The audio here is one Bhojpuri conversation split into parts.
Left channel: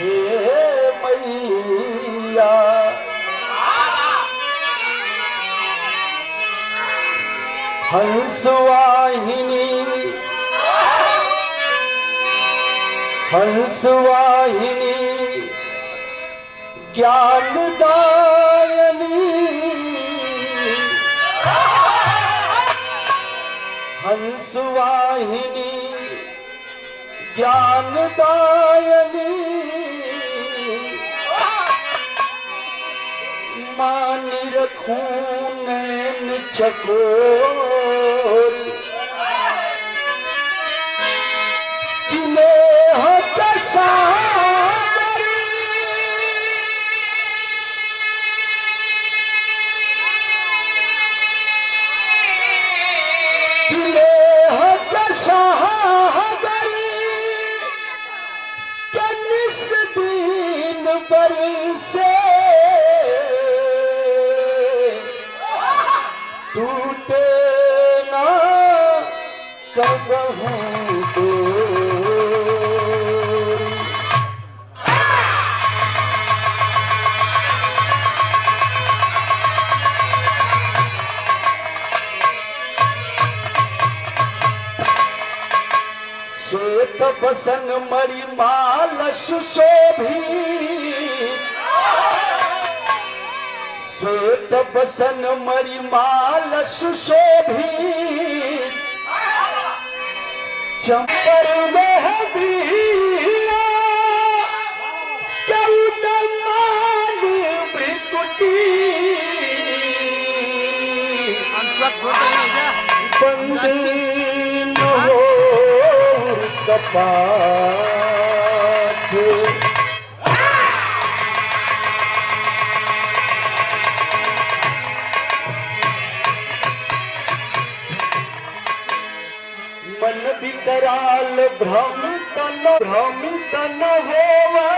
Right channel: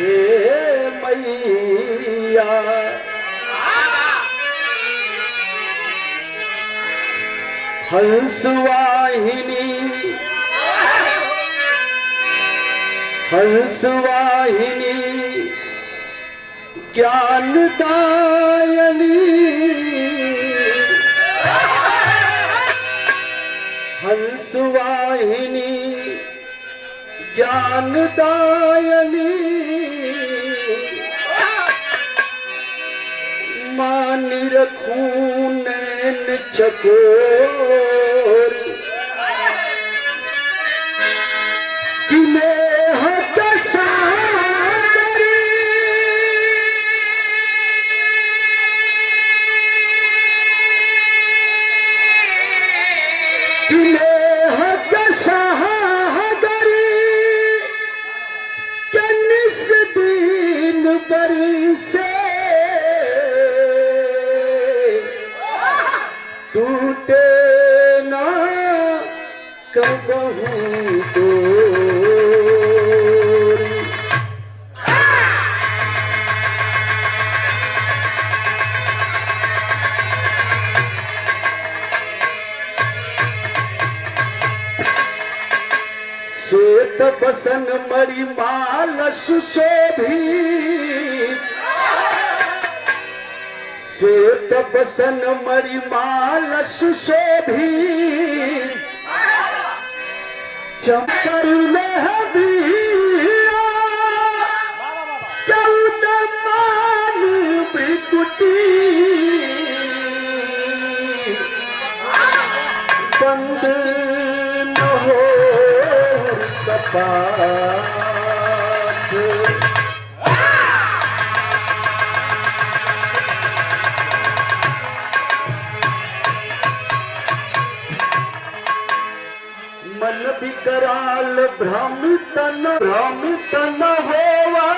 हे मैया हंसवाहिनी हंसवाहिनी ज्ञानदायिनी हंसवाहिनी ज्ञानदायिनी मानी रखूं नैन चकोर किनेह कसारी किनेह कसारी कनिस दिन बरसे टूटे ना कबहू डोरी। श्वेत बसन मरिमाल सुशोभित श्वेत बसन मरिमाल सुशोभित चंपर में दिया कौतमान बिकुटी बंद न हो कपाट मन विकराल भ्रमित न होवे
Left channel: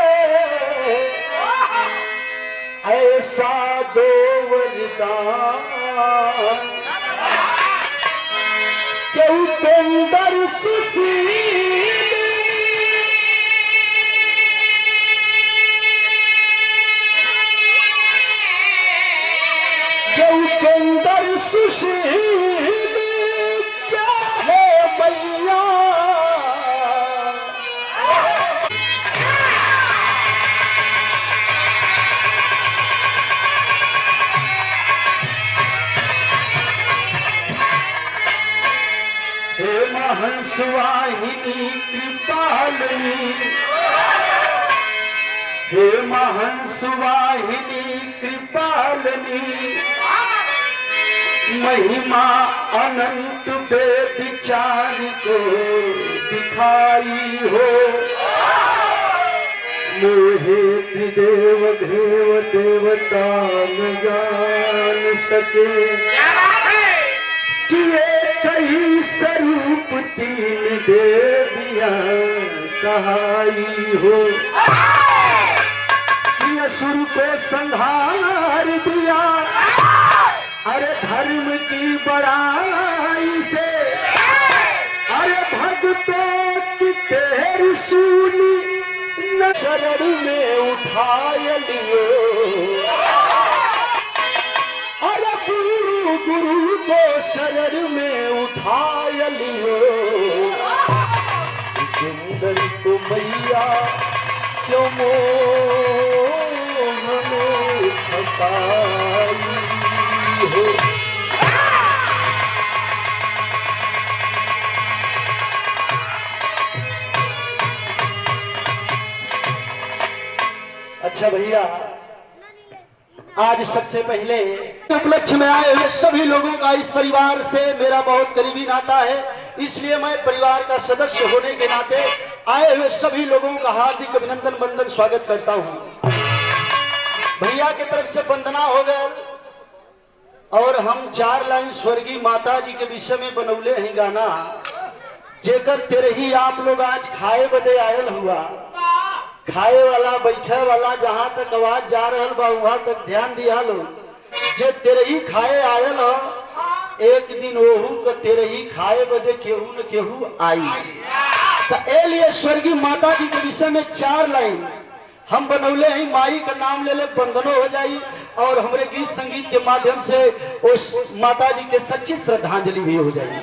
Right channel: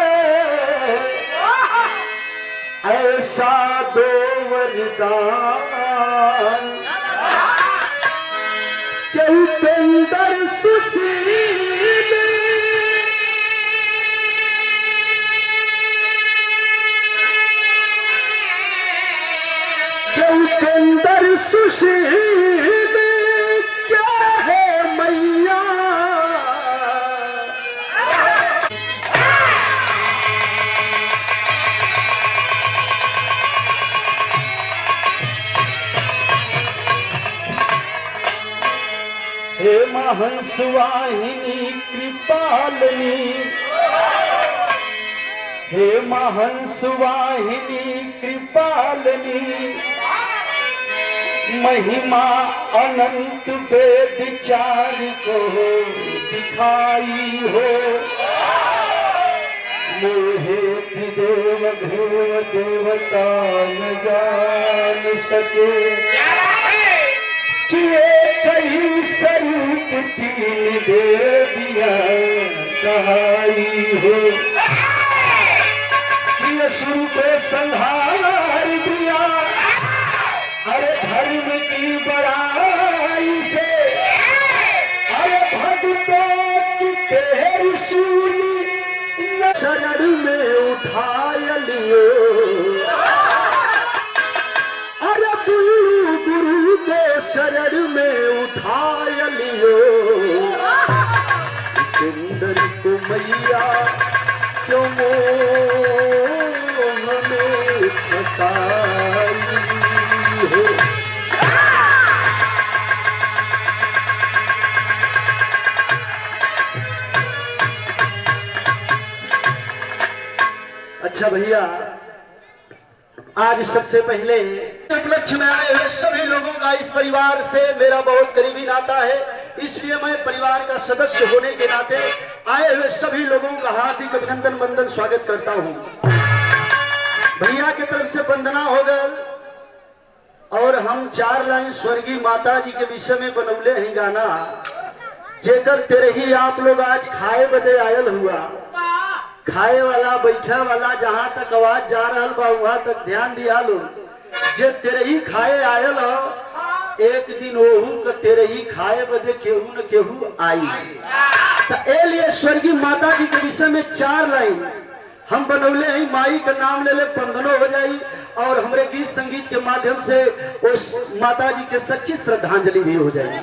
ऐसा दो वरदान के उपेंद्र सुशील के उपेंद्र सुशील क्या है मैया हे महंसवाहिनी कृपालिनी हे महंसवाहिनी कृपालिनी महिमा अनंत वेद चार को दिखाई हो मोहे त्रिदेव घेव देवता न जान सके किए कई स्वरूप तीन देवियां कहाई हो कि असुर को संहार दिया अरे धर्म की बड़ाई से अरे भक्तों की तेरी सुनी न शरण में उठाय लियो अरे गुरु गुरु को शरण में उठाय लियो सुंदर को मैया क्यों हमें फसाई हो। अच्छा भैया आज सबसे पहले उपलक्ष्य में आए हुए सभी लोगों का इस परिवार से मेरा बहुत करीबी नाता है, इसलिए मैं परिवार का सदस्य होने के नाते आए हुए सभी लोगों का हार्दिक अभिनंदन वंदन स्वागत करता हूं। भैया की तरफ से वंदना हो गए और हम 4 लाइन स्वर्गीय माता जी के विषय में बनौले हैं गाना जेकर तेरे ही आप लोग आज खाए बदे आयल हुआ। खाए वाला बैठा वाला जहां तक आवाज जा रहा बा वहां तक ध्यान दिया लो। जे तेरे ही खाए आयल हो एक दिन ओहू के तेरे ही खाए बदे केहू न केहू आई। तो ए लिए स्वर्गीय माता जी के विषय में 4 लाइन हम बनौले ही माई का नाम ले ले बंधनो हो जाई और हमारे गीत संगीत के माध्यम से उस माता जी के सच्ची श्रद्धांजलि भी हो जाएगी।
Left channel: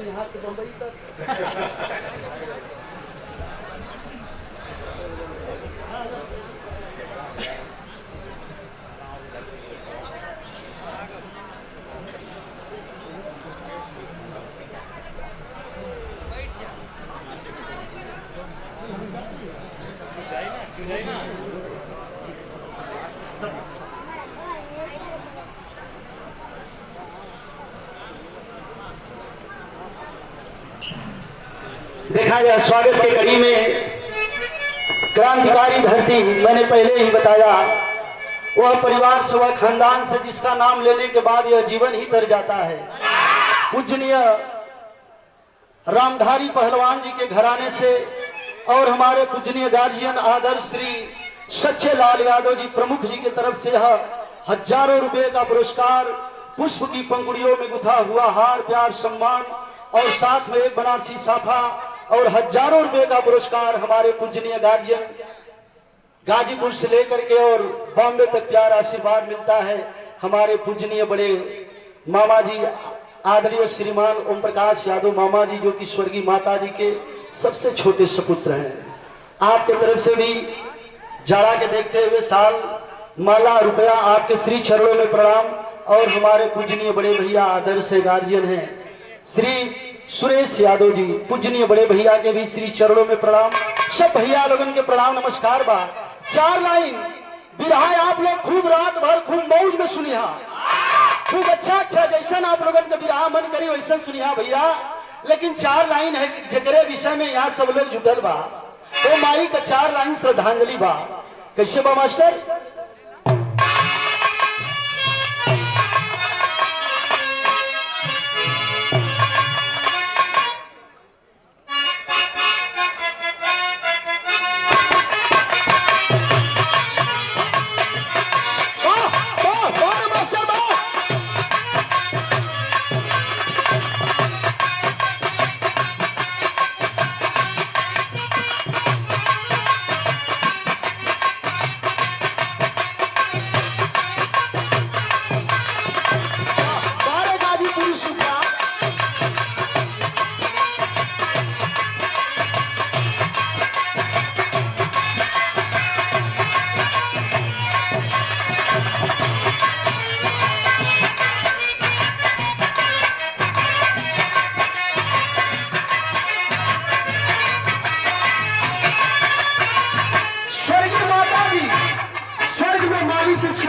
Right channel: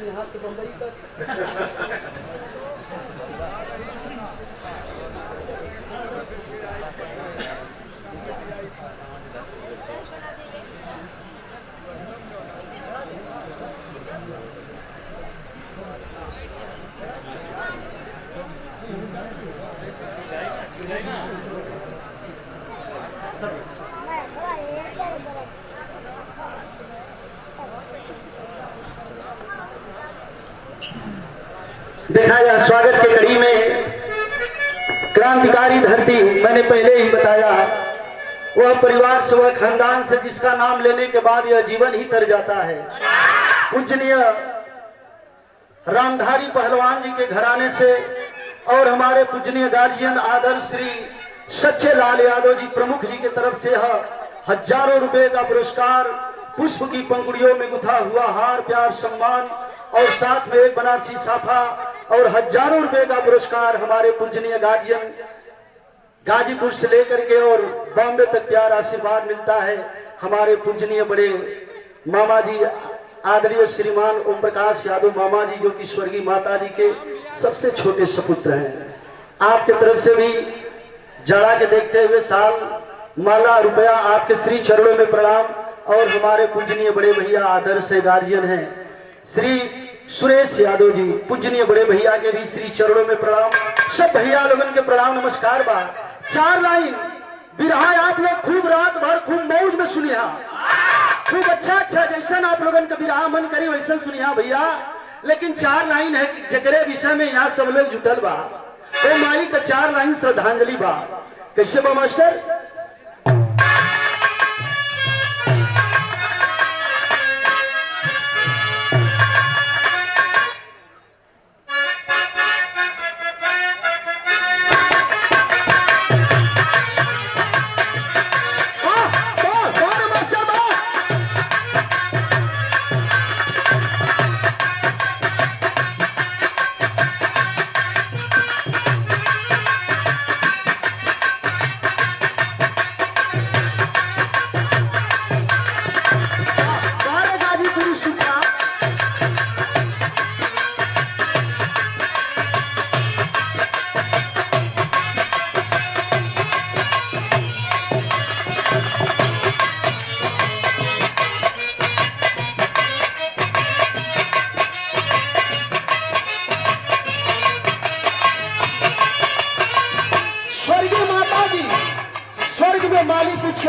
यहाँ से बम्बई तक देखा जाए स्वागत के कड़ी में क्रांतिकारी धरती, मैंने पहले ही बताया, वह परिवार से, वह खानदान से जिसका नाम लेने के बाद यह जीवन ही तर जाता है। पूजनीय रामधारी पहलवान जी के घराने से और हमारे पूजनीय गार्जियन आदर्श श्री सच्चे लाल यादव जी प्रमुख जी की तरफ से हजारों रुपए का पुरस्कार, पुष्प की पंखुड़ियों में गुथा हुआ हार, प्यार, सम्मान और साथ में एक बनारसी साफा और हजारों रुपए का पुरस्कार हमारे पूजनीय गार्जियन गाजीपुर से लेकर के और बॉम्बे तक प्यार आशीर्वाद मिलता है। हमारे पूजनीय बड़े मामा जी आदरणीय श्रीमान ओम प्रकाश यादव मामा जी, जो कि स्वर्गीय माता जी के सबसे छोटे सपुत्र हैं। आपके तरफ से भी जाड़ा के देखते हुए साल, माला, रुपया आपके श्री चरणों में प्रणाम। और हमारे पूजनीय बड़े भैया आदर्श गार्जियन हैं श्री सुरेश यादव जी, पूजनीय बड़े भैया के भी श्री चरणों में प्रणाम। सब भैया लोगन के प्रणाम नमस्कार बा। 4 लाइन बिरहा आप लोग खूब रात भर खूब मौज में सुनिया, खूब अच्छा जैसा आप लोगन का बिरहा मन करी वैसा सुनिया भैया। लेकिन 4 लाइन है जगरे विषय में यहाँ सब लोग जुटल बा, तो माई का 4 लाइन श्रद्धांजलि बा। कैसे बा मास्टर?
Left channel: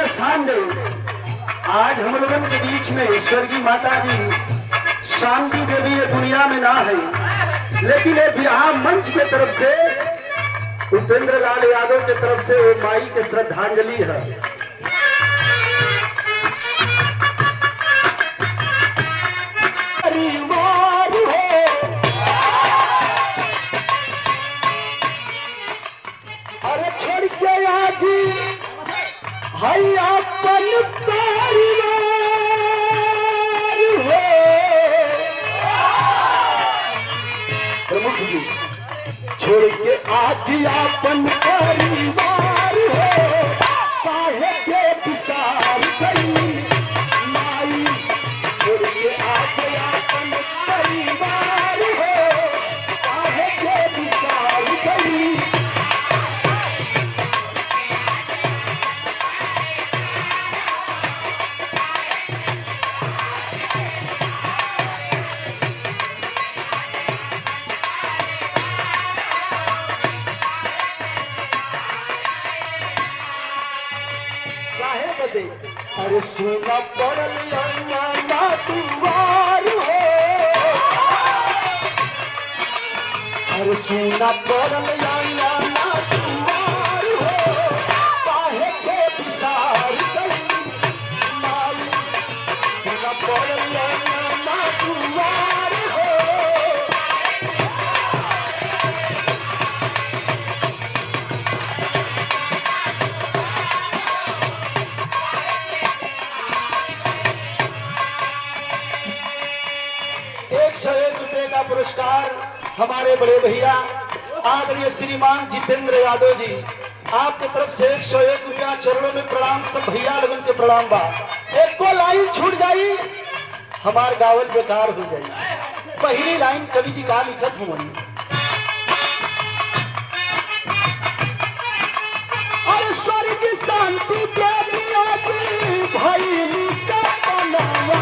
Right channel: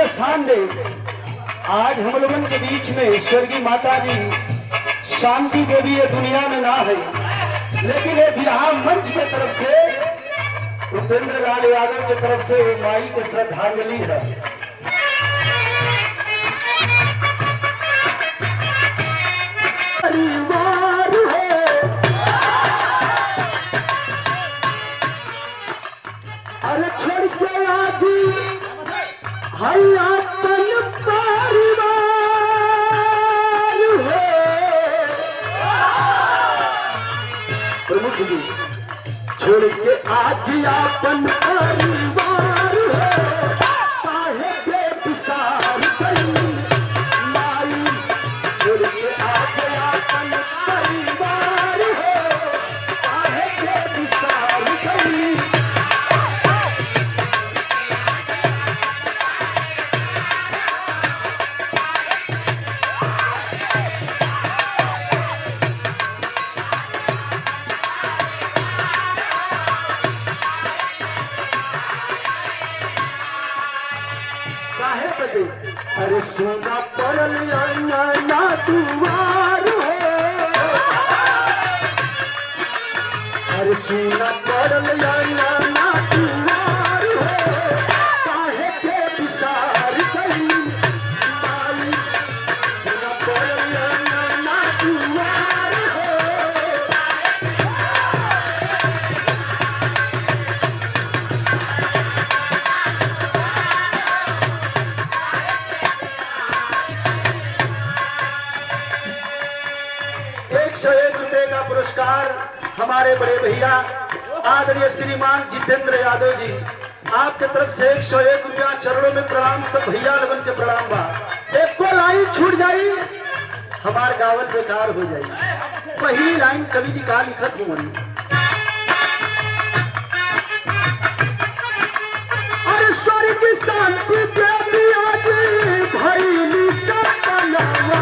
स्थान दे। आज हम लोगों के बीच में स्वर्गीय माता जी शांति देवी ये दुनिया में ना है, लेकिन ये बिहार मंच के तरफ से उपेंद्र लाल यादव के तरफ से माई के श्रद्धांजलि है। अरे छोड़ के आज प्रमुख जी छोड़ के आज अपन परिवार हो, काहे के विसार गई माई, छोड़ के आज अपन परिवार हो, काहे के विसार गई। अरे सोना पड़ल ना दुआर हो, अरे सोना पड़ल ना दुआर हो, काहे के विसार गई माई, सोना पड़ल ना दुआर हो। हमारे बड़े भैया आदरणीय श्रीमान जितेंद्र यादव जी, आपके तरफ से 101 रुपया चरणों में प्रणाम। सब भैया लगन के प्रणाम बा। एक को लाइन छूट जाई हमार गावत बेकार हो जाई। पहली लाइन कवि जी का लिखत हुई, अरे स्वर्ग शांति प्रेमी आदि भइली सपनावा,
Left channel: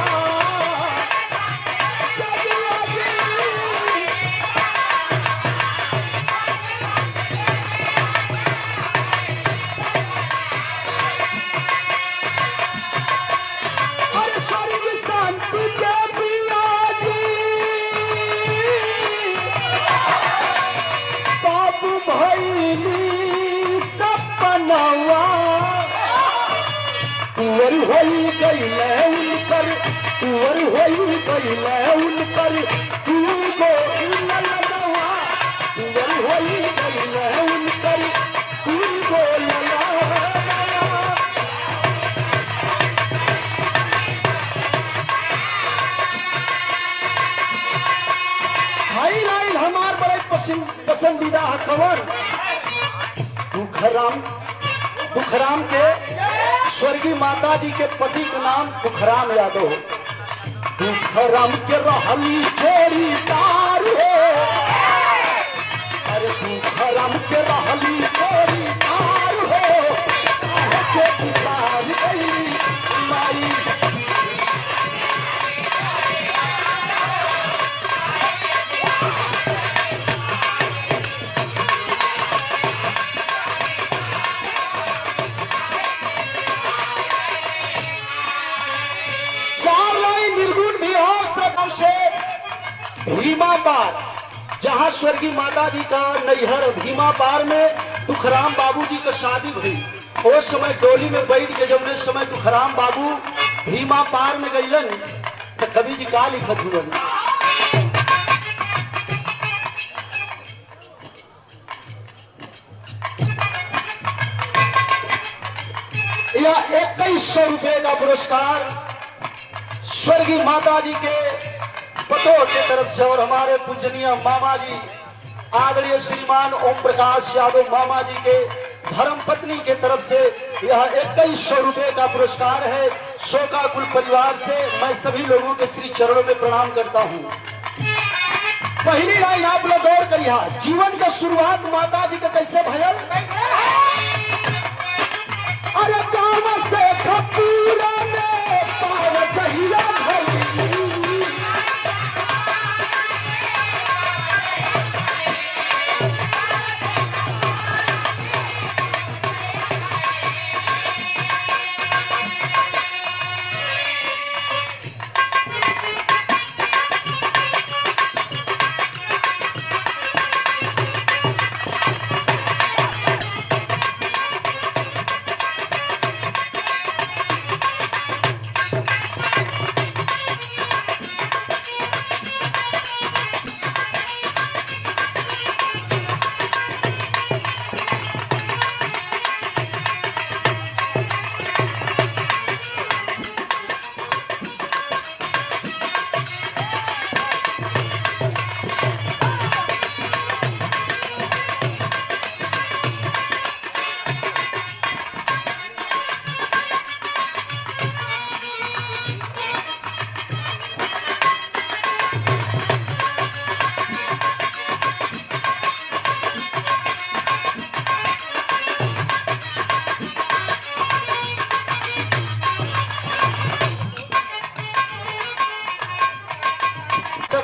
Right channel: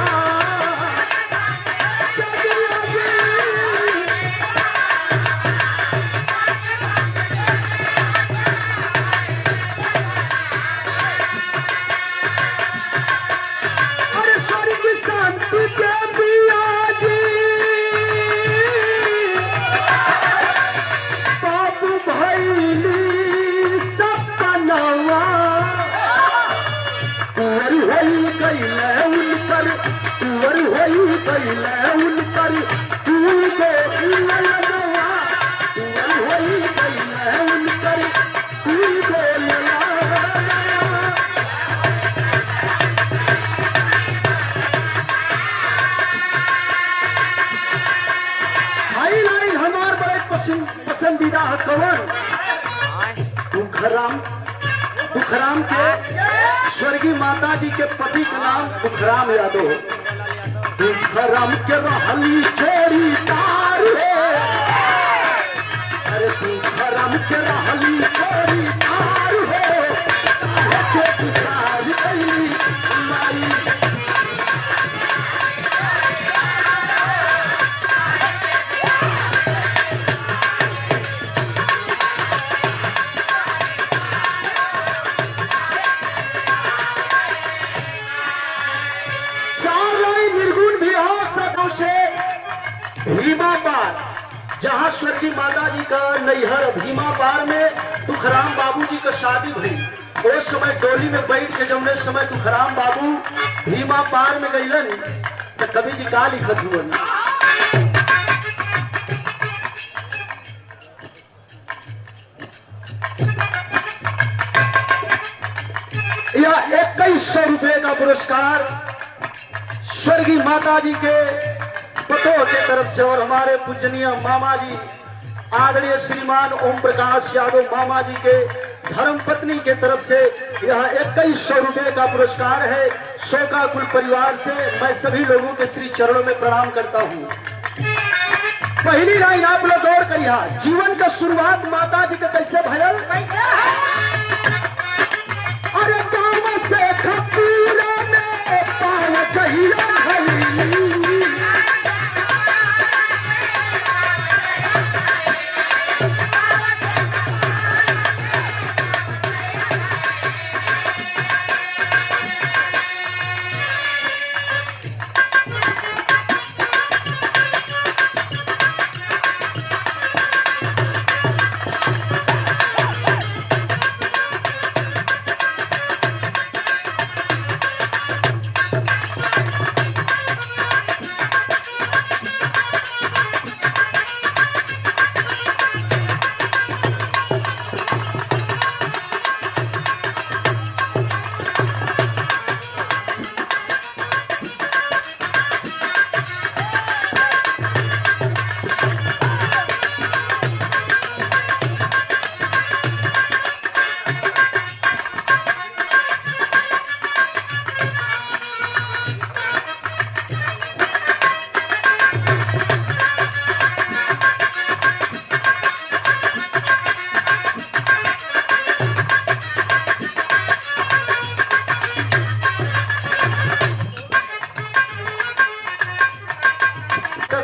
पसंदीदा है कवर दुखराम के स्वर्गीय माता जी के पति का नाम दुखराम यादव। दुखराम के रहली चोरी तार है, अरे दुखराम के रहली चोरी तार है, भीमा पार, जहां स्वर्गीय माता जी का नैहर भीमा पार में तुखराम बाबू जी का शादी हुई। उस समय डोली में बैठ के जब समय तुखराम बाबू भीमा पार में गईलन तो कवि जी का लिखत हुआ, यह 2100 रुपए का पुरस्कार स्वर्गीय माता जी के पतों की तरफ से और हमारे पूजनीय मामा जी आदरणीय श्रीमान ओम प्रकाश यादव मामा जी के धर्म पत्नी के तरफ से यह 2100 रुपए का पुरस्कार है। शोका कुल परिवार से मैं सभी लोगों के श्री चरणों में प्रणाम करता हूँ। पहली लाइन आप लोग गौर करिए, जीवन का शुरुआत माता जी का कैसे भयल, अरे काम से खपूरा में पाव चहिरा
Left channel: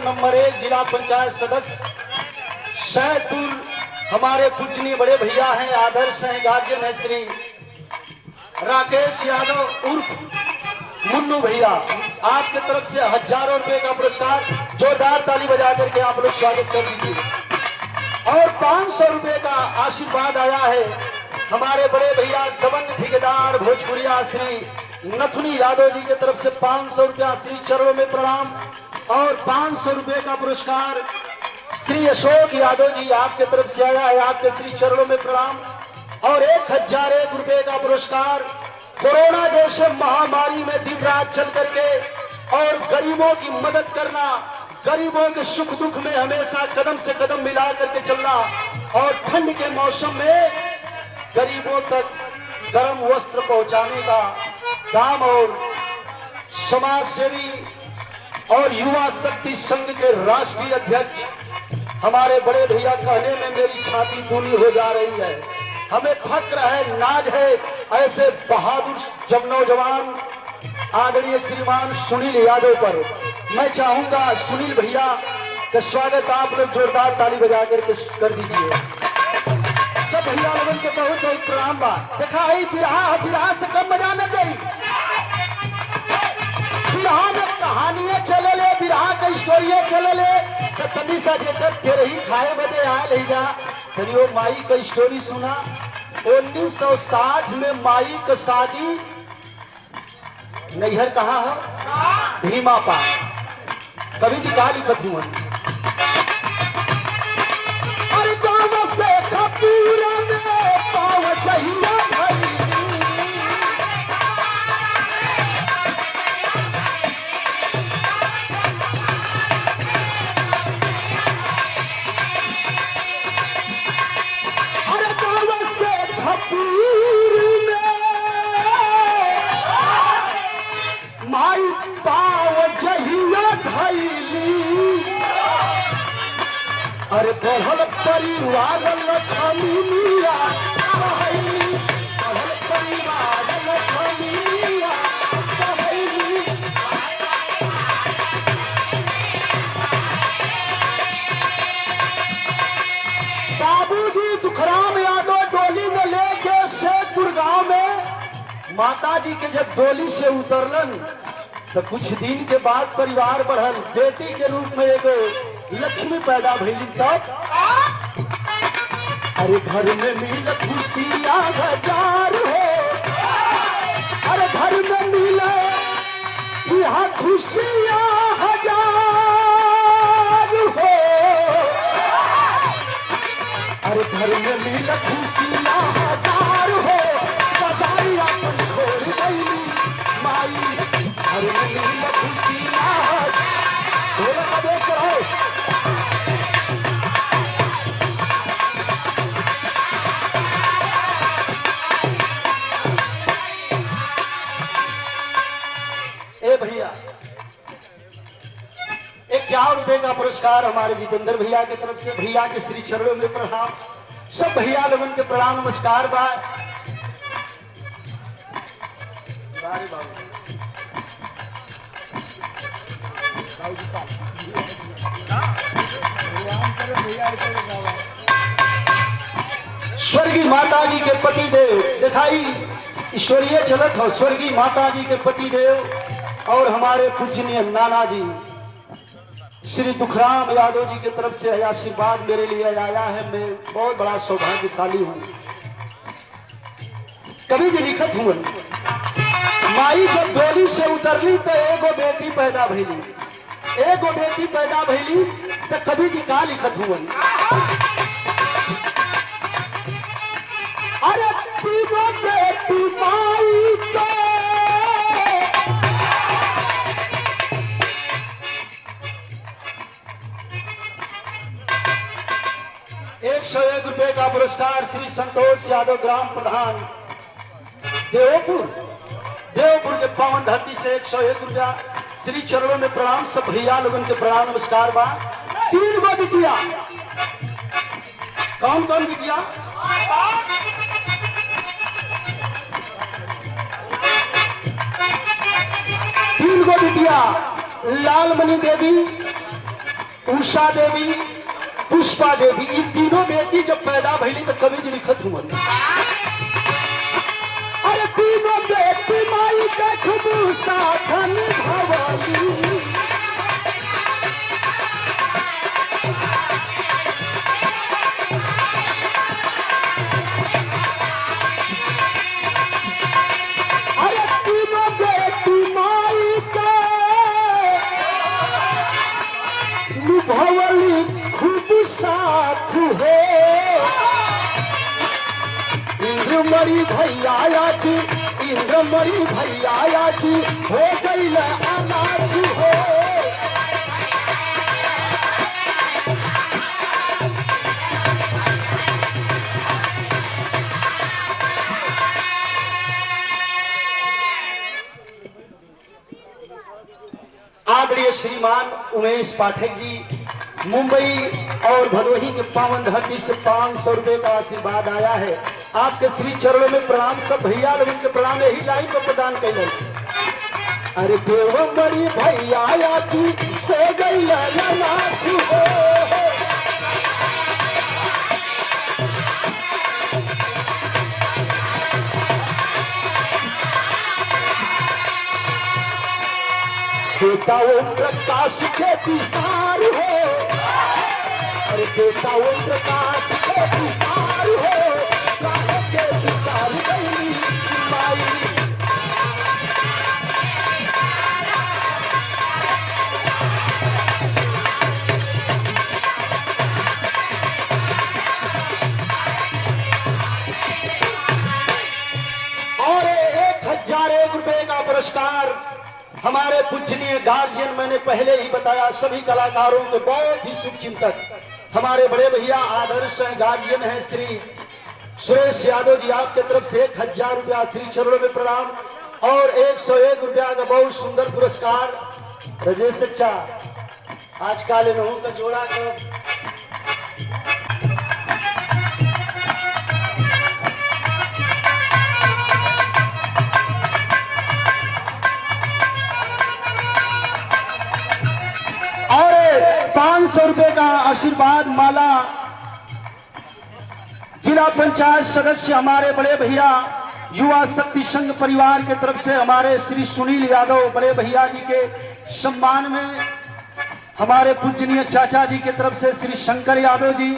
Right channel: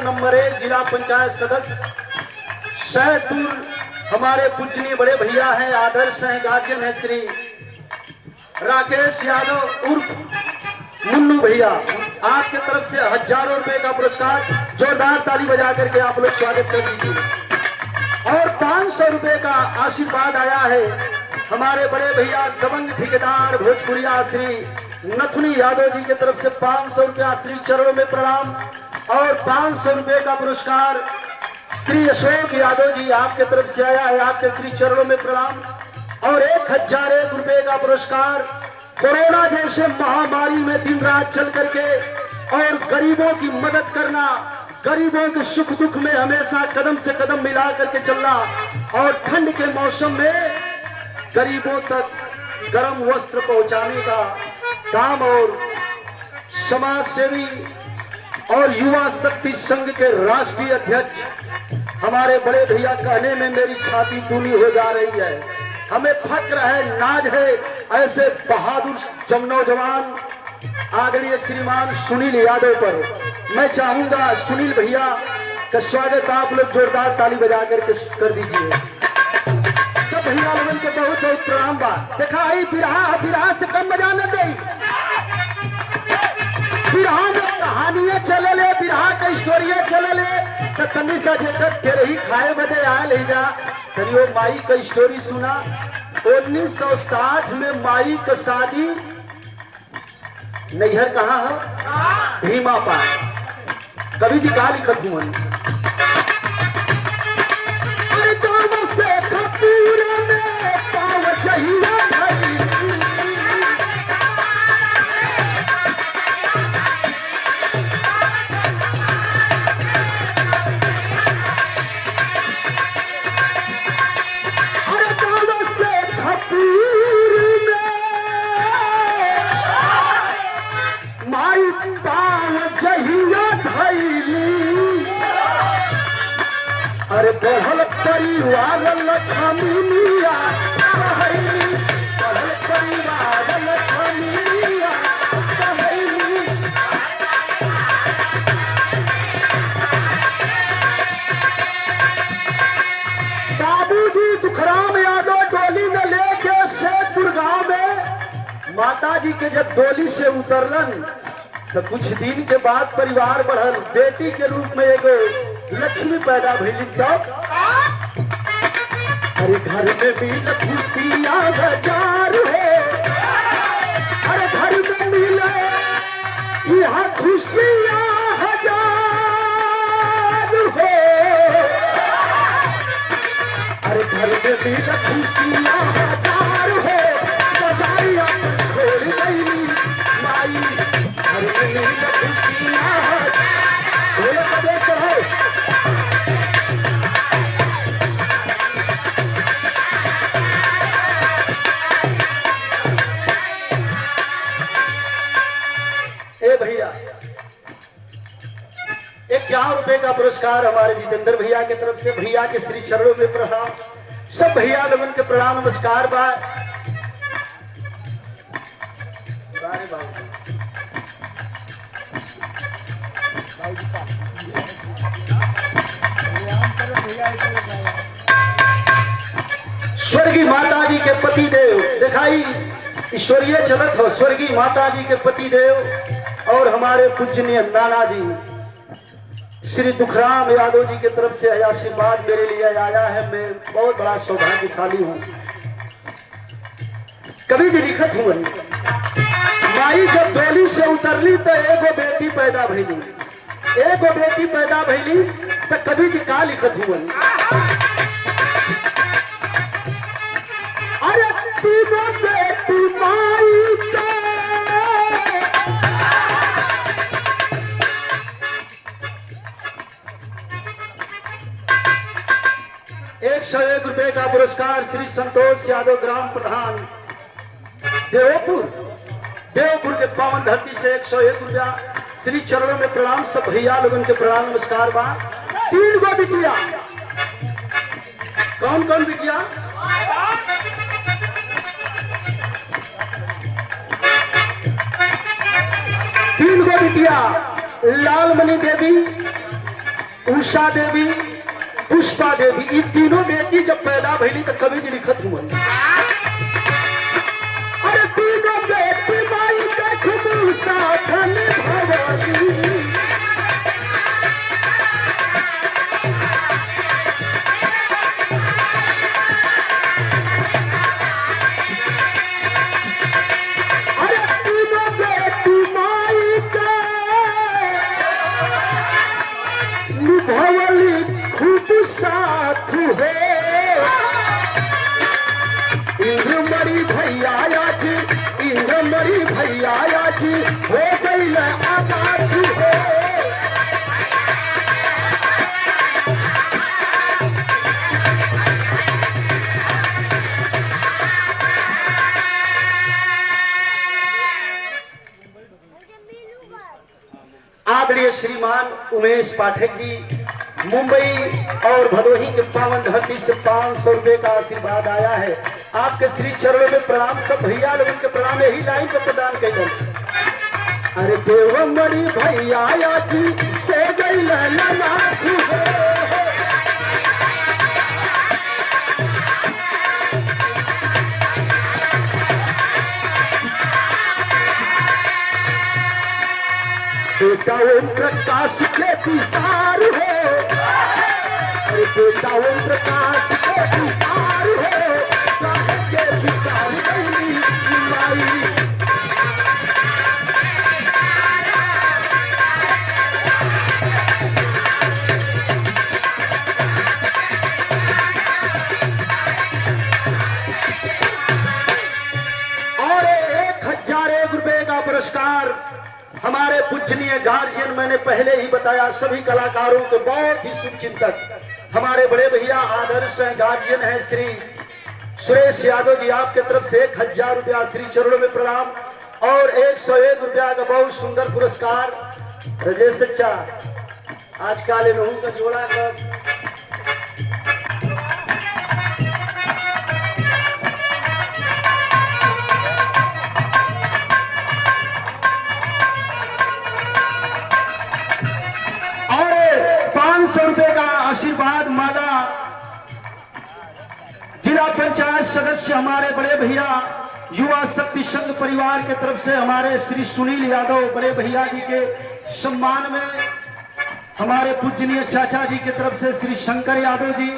नंबर 1 जिला पंचायत सदस्य शहदपुर हमारे पूजनीय बड़े भैया हैं, आदर्श हैं, गार्जियन है श्री राकेश यादव उर्फ मुन्नू भैया। आपके तरफ से हजारों रुपए का पुरस्कार, जोरदार ताली बजा करके आप लोग स्वागत कर दीजिए। और 500 रुपए का आशीर्वाद आया है हमारे बड़े भैया दबंग ठेकेदार भोजपुरिया श्री नथुनी यादव जी की तरफ से 500 रुपया श्री चरणों में प्रणाम। और 500 रुपए का पुरस्कार श्री अशोक यादव जी आपके तरफ से आया है, आपके श्री चरणों में प्रणाम। और 1001 रुपए का पुरस्कार कोरोना जैसे महामारी में दिन रात चल करके और गरीबों की मदद करना, गरीबों के सुख दुख में हमेशा कदम से कदम मिला करके चलना और ठंड के मौसम में गरीबों तक गर्म वस्त्र पहुंचाने का काम और समाज सेवी और युवा शक्ति संघ के राष्ट्रीय अध्यक्ष हमारे बड़े भैया कहने में मेरी छाती दूनी हो जा रही है। हमें फक्र है, नाज है ऐसे बहादुर नौजवान आदरणीय श्रीमान सुनील यादव पर। मैं चाहूंगा सुनील भैया का स्वागत आप लोग जोरदार ताली बजा करके कर दीजिए। सब भैया लोगों के बहुत बहुत प्रणाम बा। देखा है बिरहा से कम बजा न दे, बिरहा में कहानियां चले ले, बिरहा के स्टोरियां चले ले तो तनी सा जेकर तेरे ही खाए बदे आ ले जा तनी वो माई का स्टोरी सुना। 1960 में माई का शादी नैहर कहाँ है? भीमा पार। कवि जी कहा लिखत हुआ बढ़ल परिवार लक्ष्मीनिया, बढ़ल परिवार लक्ष्मीनिया। बाबूजी तुखराम यादव डोली में लेके शेखपुर गांव में माता जी के जब डोली से उतरलन तो कुछ दिन के बाद परिवार बढ़ल, बेटी के रूप में एगो लक्ष्मी पैदा भइली। तब अरे घर में मिल खुशियां हजार है, अरे घर में मिले यहाँ खुशियां हजार हो, अरे घर में मिल खुशियां हजार हो। बाजारिया छोड़ गई माई, घर में मिल खुशियां हजार। भैया 51 रुपए का पुरस्कार हमारे जितेंद्र भैया की तरफ से, भैया के श्री चरणों में प्रणाम। सब भैया लोगों के प्रणाम नमस्कार बा। स्वर्गीय माता जी के पति देव दिखाई ईश्वरीय चलत हो। स्वर्गीय माता जी के पति देव और हमारे पूजनीय नाना जी श्री दुखराम यादव जी की तरफ से आशीर्वाद मेरे लिए आया है। मैं बहुत बड़ा सौभाग्यशाली हूँ। कवि जी लिखत हुए माई जब डोली से उतरली तो एगो बेटी पैदा भइली, एगो बेटी पैदा भइली तो कवि जी का लिखत हुए अरे तीनों बेटी माई का 101 रुपए का पुरस्कार श्री संतोष यादव ग्राम प्रधान देवपुर के पावन धरती से 101 रुपया श्री चरणों में प्रणाम। सब भैया लोगों के प्रणाम नमस्कार बा। 3 गो बिटिया, कौन कौन बिटिया? तीन गो बिटिया, लालमणि देवी, उषा देवी, पुष्पा देवी। ये तीनों बेटी जब पैदा भइली तो कवि जी लिखत हुआ अरे तीनों बेटी माई देखू साधन भवती। अरे तीनों बेटी माई का निभवली खूब साथ है। मरी भैया आज, मरी भैया आज हो गई आजाद हो। आदरणीय श्रीमान उमेश पाठक जी, मुंबई और भदोही के पावन धरती से 500 रुपए का आशीर्वाद आया है। आपके श्री चरणों में प्रणाम। सब भैया लोग के प्रणाम यही लाइन पर प्रदान करें। अरे देवमणि भैया जी हो गई नाची हो, बेटा ओम प्रकाश के विसार हो, अरे बेटा ओम प्रकाश के विसार हो, के विसार गई माई। और 1001 रुपए का पुरस्कार हमारे पूजनीय गार्जियन, मैंने पहले ही बताया सभी कलाकारों के बहुत ही शुभचिंतक हमारे बड़े भैया आदर्श गार्जियन हैं श्री सुरेश यादव जी, आपके तरफ से 1000 रुपया श्री चरणों में प्रणाम और 101 रुपया का बहुत सुंदर पुरस्कार। रजेश चचा आजकल इन लोगों का जोड़ा कर और 500 रुपए का आशीर्वाद माला जिला पंचायत सदस्य हमारे बड़े भैया युवा शक्ति संघ परिवार के तरफ से हमारे श्री सुनील यादव बड़े भैया जी के सम्मान में हमारे पूजनीय चाचा जी की तरफ से श्री शंकर यादव जी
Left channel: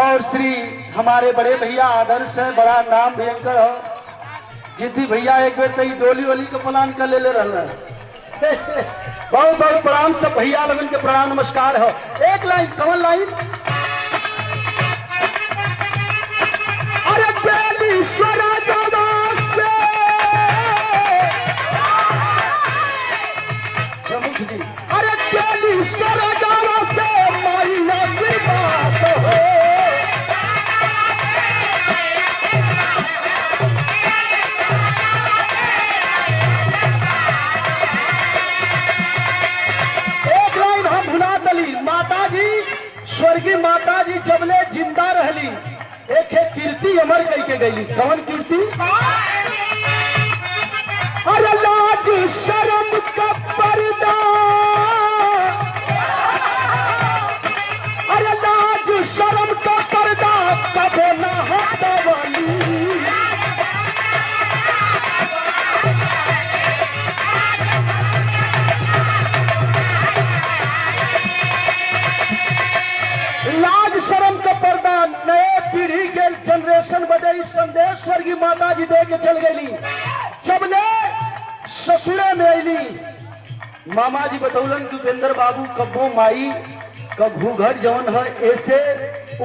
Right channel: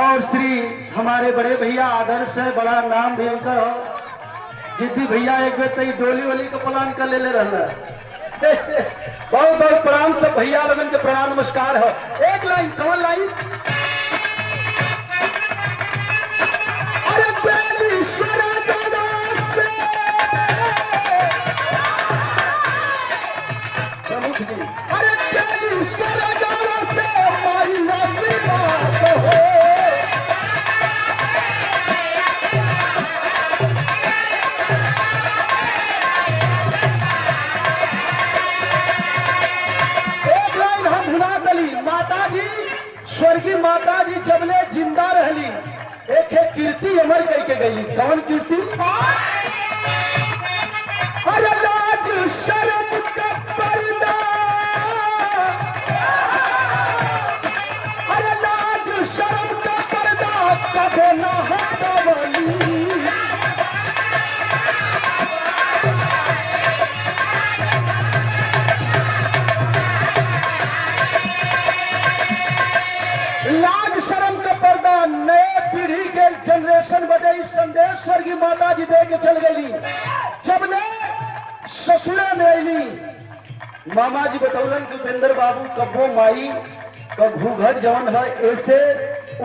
और श्री हमारे बड़े भैया आदर्श है, बड़ा नाम भयंकर हो जिद्दी भैया, एक बेर तई डोली वोली का प्लान कर ले रहा है। बहुत बहुत प्रणाम सब भैया लोगन के प्रणाम नमस्कार हो। एक लाइन कमल लाइन, अरे बेलीश्वरा दादा से प्रमुख जी, अरे बेलीश्वरा दादा से माई नजबात हो, स्वर्गीय माता जी जबले जिंदा रहली एक कीर्ति अमर करके गई। कौन कीर्ति? अरे लाज शर्म का पर्दा, अरे लाज शर्म का पर्दा कबो न हटा वाली, लाज शर्म का पर्दा नए पीढ़ी के जनरेशन बदे इस संदेश स्वर्गीय माता जी दे के चल गई। जब ने ससुरे में अली मामा जी बतौलन दुपेंद्र बाबू कब्बो माई कब घूघट जवन है ऐसे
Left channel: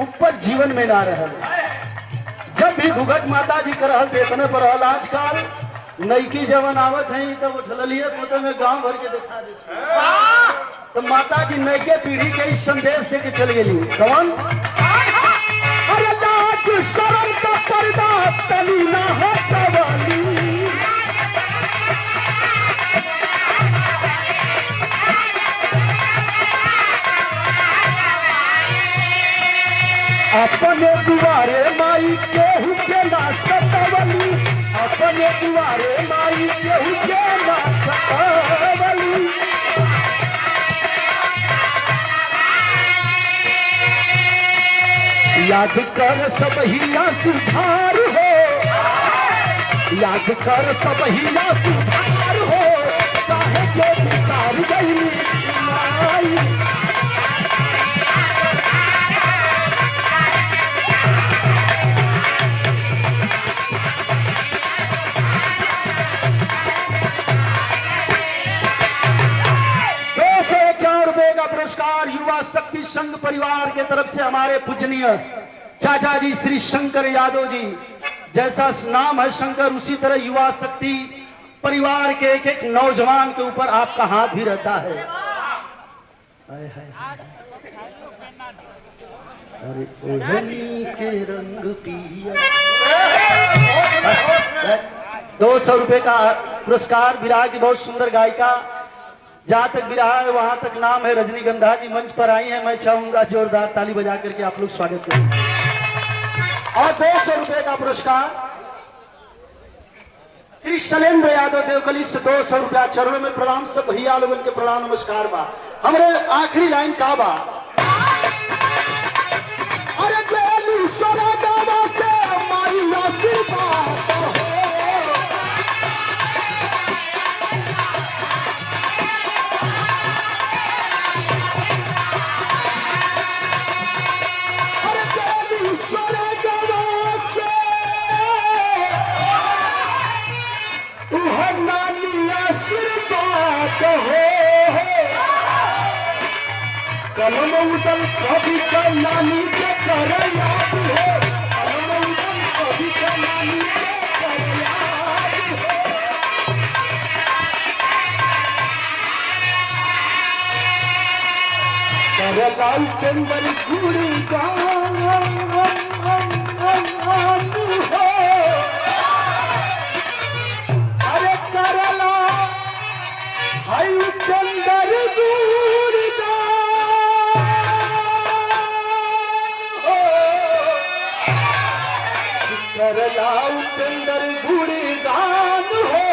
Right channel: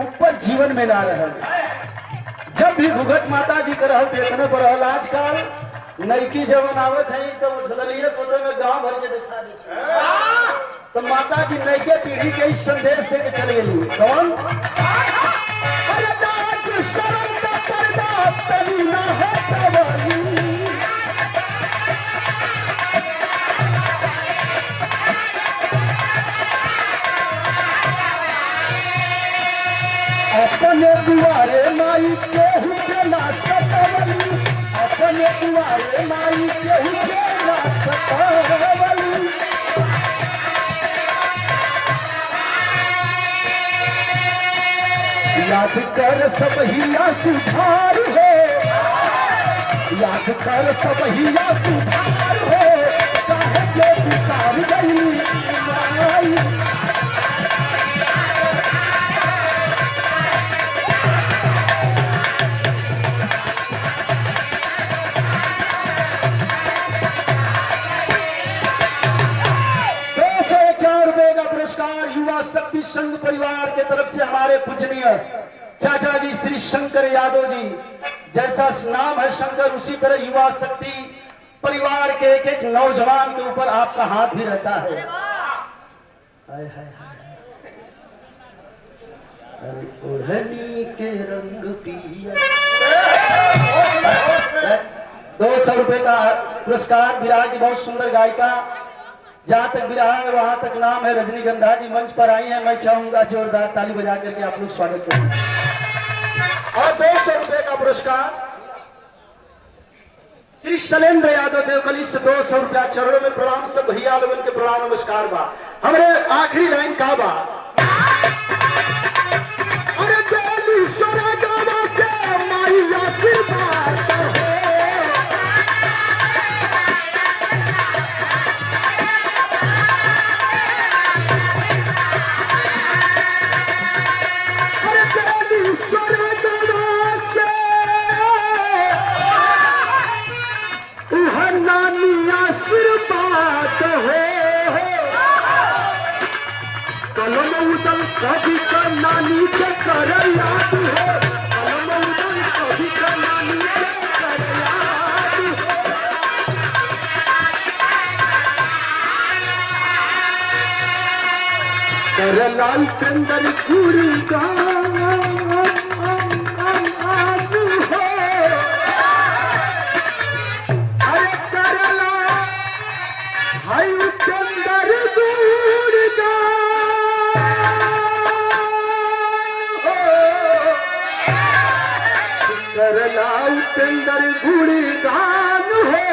ऊपर जीवन में ना रह, जब भी घूघट माता जी कर देखने पर आजकल नईकी जवन आवत है तब उठलिए फोटो में गांव भर के दिखा दे, तो माता जी नईके पीढ़ी के इस संदेश दे के चल गई। कौन? अरे लाज शर्म का पर्दा तली ना हटा वाली, अपने दुआरे माई केहू के ना सतावली, अपने दुआरे माई केहू के ना सतावली, याद कर सब ही सुधार हो, याद कर सब ही सुधार हो, काहे के विचार गई युवा शक्ति संघ परिवार के तरफ से हमारे पूजनीय चाचा जी श्री शंकर यादव जी, जैसा नाम है शंकर उसी तरह युवा शक्ति परिवार के एक एक नौजवान के ऊपर आपका हाथ भी रहता है। ओढ़नी के रंग पिया। 200 रुपए का पुरस्कार विराह की बहुत सुंदर गायिका, जहां तक विराह है वहां तक नाम है रजनीगंधा जी मंच पर आई है। मैं चाहूंगा जोरदार ताली बजा करके आप लोग स्वागत करें। और 200 रुपए का पुरस्कार श्री शैलेंद्र यादव देवकली से 200 रुपया। चरणों में प्रणाम, सब भैया लोगन के प्रणाम नमस्कार बा। हमरे आखिरी लाइन का बा, अरे बेलूसरा गावा से माई आशीर्वाद कभी का नानी के कर याद है, कभी का नानी के कर याद है। करलाई चंदन पूरी अरे करला हाय चंदन दूरी करलाऊ चंदर गुड़ी गान हो,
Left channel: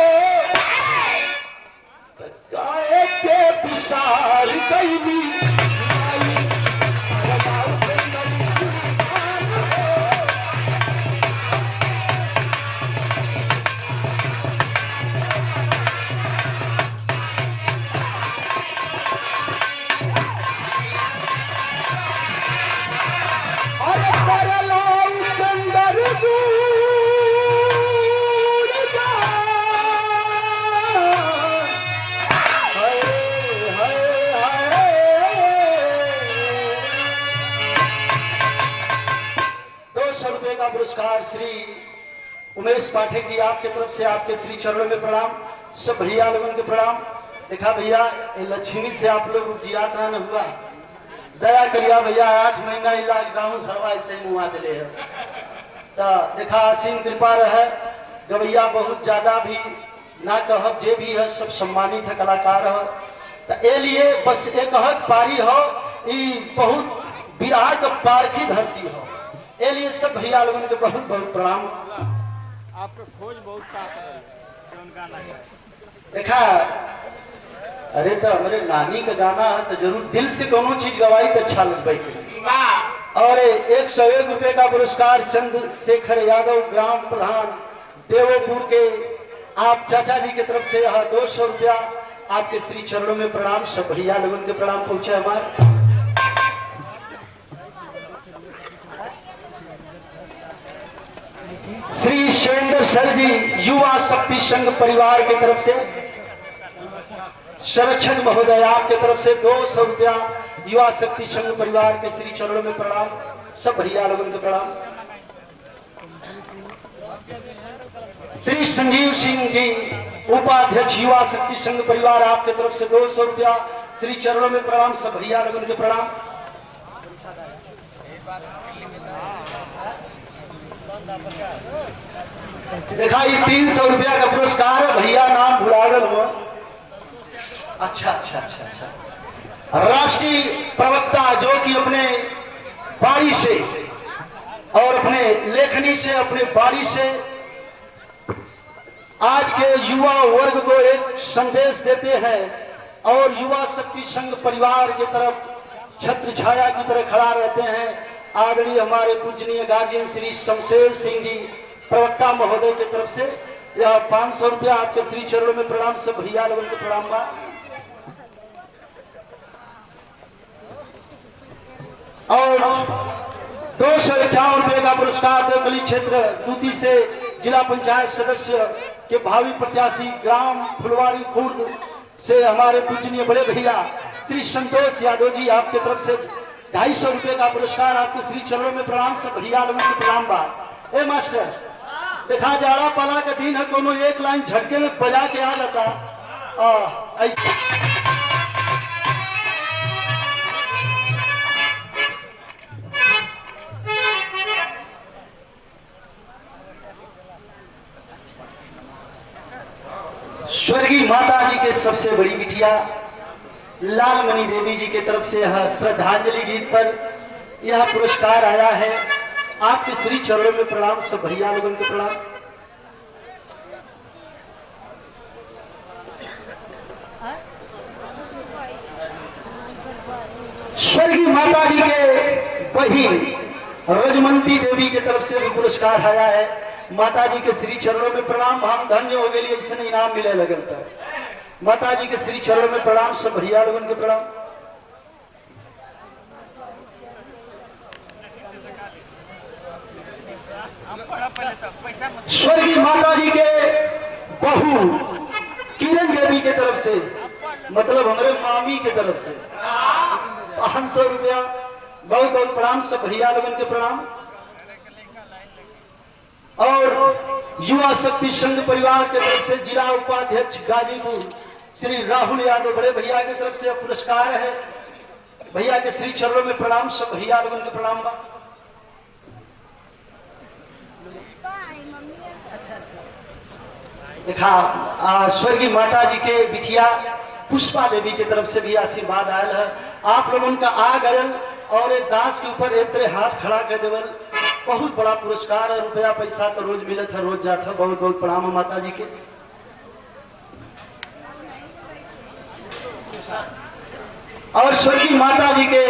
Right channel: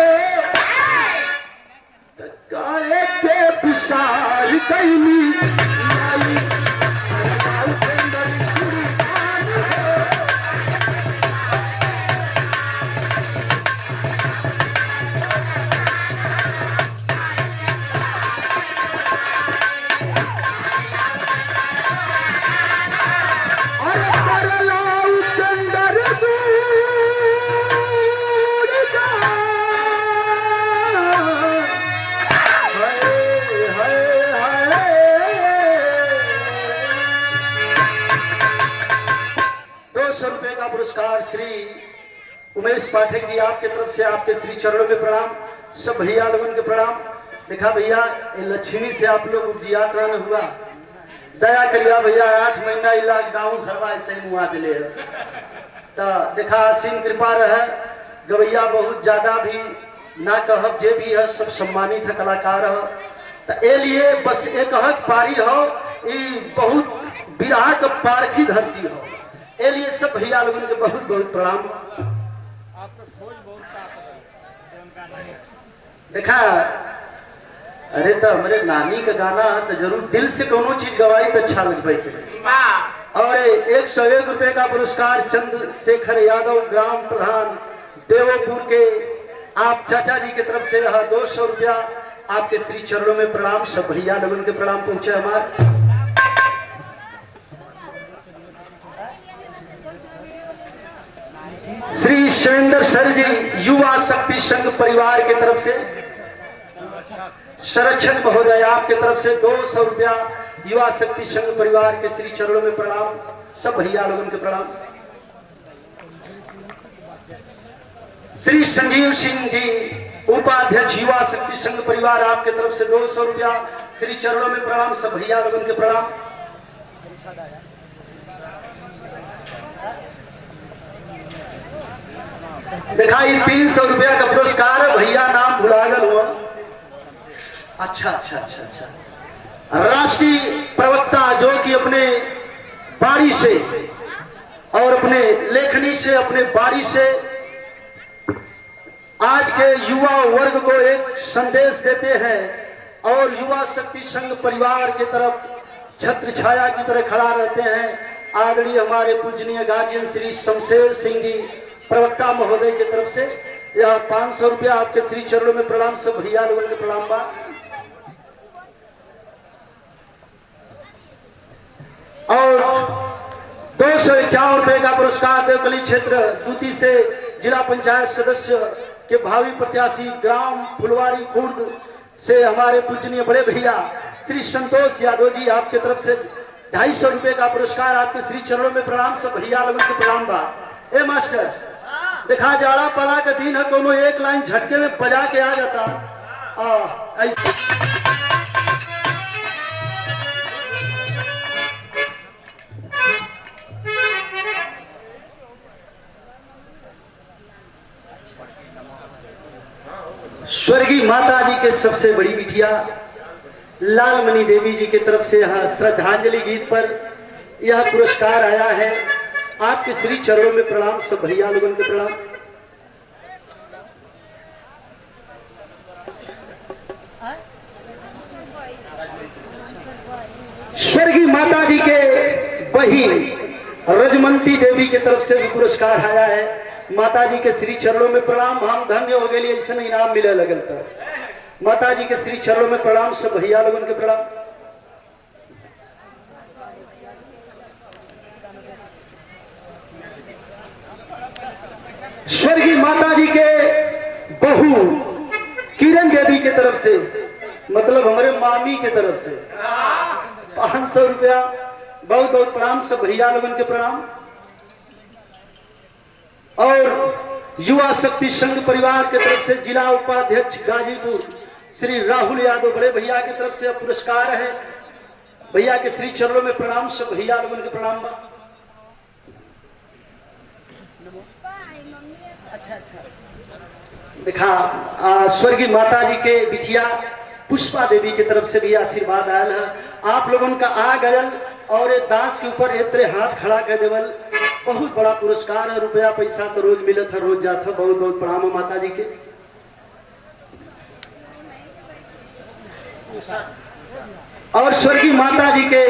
गाय के विशाल कैली पुरस्कार श्री उमेश पाठक जी आपके तरफ से आपके श्री चरणों में प्रणाम, सब भैया लोगों के प्रणाम। देखा भैया लक्ष्मी से आप लोग जिया करण हुआ, दया करिया भैया 8 महीना लॉकडाउन सरवा ऐसे मुआ दिले तो देखा आसीन कृपा रहे। गवैया बहुत ज्यादा भी ना कहब, जे भी है सब सम्मानित है कलाकार है, तो ए लिए बस एक हक पारी हो, बहुत विराह का पारखी धरती हो, ए लिए सब भैया लोगों के बहुत बहुत प्रणाम। आपका खोज बहुत देखा अरे तो हमारे नानी का गाना है तो जरूर दिल से कोनो चीज गवाई तो अच्छा लग पाई। और 101 रुपए का पुरस्कार चंद्रशेखर यादव ग्राम प्रधान देवोपुर के आप चाचा जी की तरफ से 200 रुपया आपके श्री चरणों में प्रणाम, सब भैया लोगों के प्रणाम पहुंचे हमारे। श्री शैलेंद्र सर जी युवा शक्ति संघ परिवार की तरफ से, संरक्षण महोदय आपके तरफ से 200 रुपया युवा शक्ति संघ परिवार के श्री चरणों में प्रणाम, सब भैया लोगों के प्रणाम। श्री संजीव सिंह जी उपाध्यक्ष युवा शक्ति संघ परिवार आपके तरफ से 200 रुपया श्री चरणों में प्रणाम, सब भैया लोगों के प्रणाम। देखा 300 रुपया का पुरस्कार भैया नाम भुलागल हुआ। अच्छा अच्छा अच्छा अच्छा राष्ट्रीय प्रवक्ता जो कि अपने बारी से और अपने लेखनी से अपने बारी से आज के युवा वर्ग को एक संदेश देते हैं और युवा शक्ति संघ परिवार की तरफ छत्र छाया की तरह खड़ा रहते हैं। आदरणीय हमारे पूजनीय गार्जियन श्री शमशेर सिंह जी प्रवक्ता महोदय की तरफ से यह 500 रुपया आपके श्री चरणों में प्रणाम, सब भैया लोगों के प्रणाम बा। और 251 रुपए का पुरस्कार देवकली क्षेत्र दूती से जिला पंचायत सदस्य के भावी प्रत्याशी ग्राम फुलवारी खुर्द से हमारे पूजनीय बड़े भैया श्री संतोष यादव जी आपके तरफ से 250 रुपए का पुरस्कार आपके श्री चरणों में प्रणाम, सब भैया लोगों के प्रणाम बा। ए मास्टर देखा जाड़ा पाला का दिन है, कोनो एक लाइन झटके में बजा के आ जाता ऐसे स्वर्गीय माता जी के सबसे बड़ी बिटिया लालमणि देवी जी की तरफ से यह श्रद्धांजलि गीत पर यह पुरस्कार आया है। आपके श्री चरणों में प्रणाम, सब भैया लोगों के प्रणाम। स्वर्गीय माता जी के बहिन रजमंती देवी की तरफ से भी पुरस्कार आया है। माता जी के श्री चरणों में प्रणाम। हम धन्य हो गए, ऐसे इनाम मिले लगन तक। माता जी के श्री चरणों में प्रणाम, सब भैया लोगों के प्रणाम। स्वर्गीय माता जी के बहू किरण देवी की तरफ से, मतलब हमारे मामी की तरफ से 500 रुपया। बहुत बहुत प्रणाम, सब भैया लोगों के प्रणाम। और युवा शक्ति संघ परिवार की तरफ से जिला उपाध्यक्ष गाजीपुर श्री राहुल यादव बड़े भैया की तरफ से पुरस्कार है। भैया के श्री चरणों में प्रणाम, सब भैया लोगों के प्रणाम। देखा स्वर्गीय माता जी के बिटिया पुष्पा देवी की तरफ से भी आशीर्वाद आयल है। आप लोगों का आ गयल और एक दास के ऊपर एक तरह हाथ खड़ा कर देवल, बहुत बड़ा पुरस्कार है। रुपया पैसा तो रोज मिलत है, रोज जाता है। बहुत बहुत प्रणाम माता जी के। और स्वर्गीय माता जी के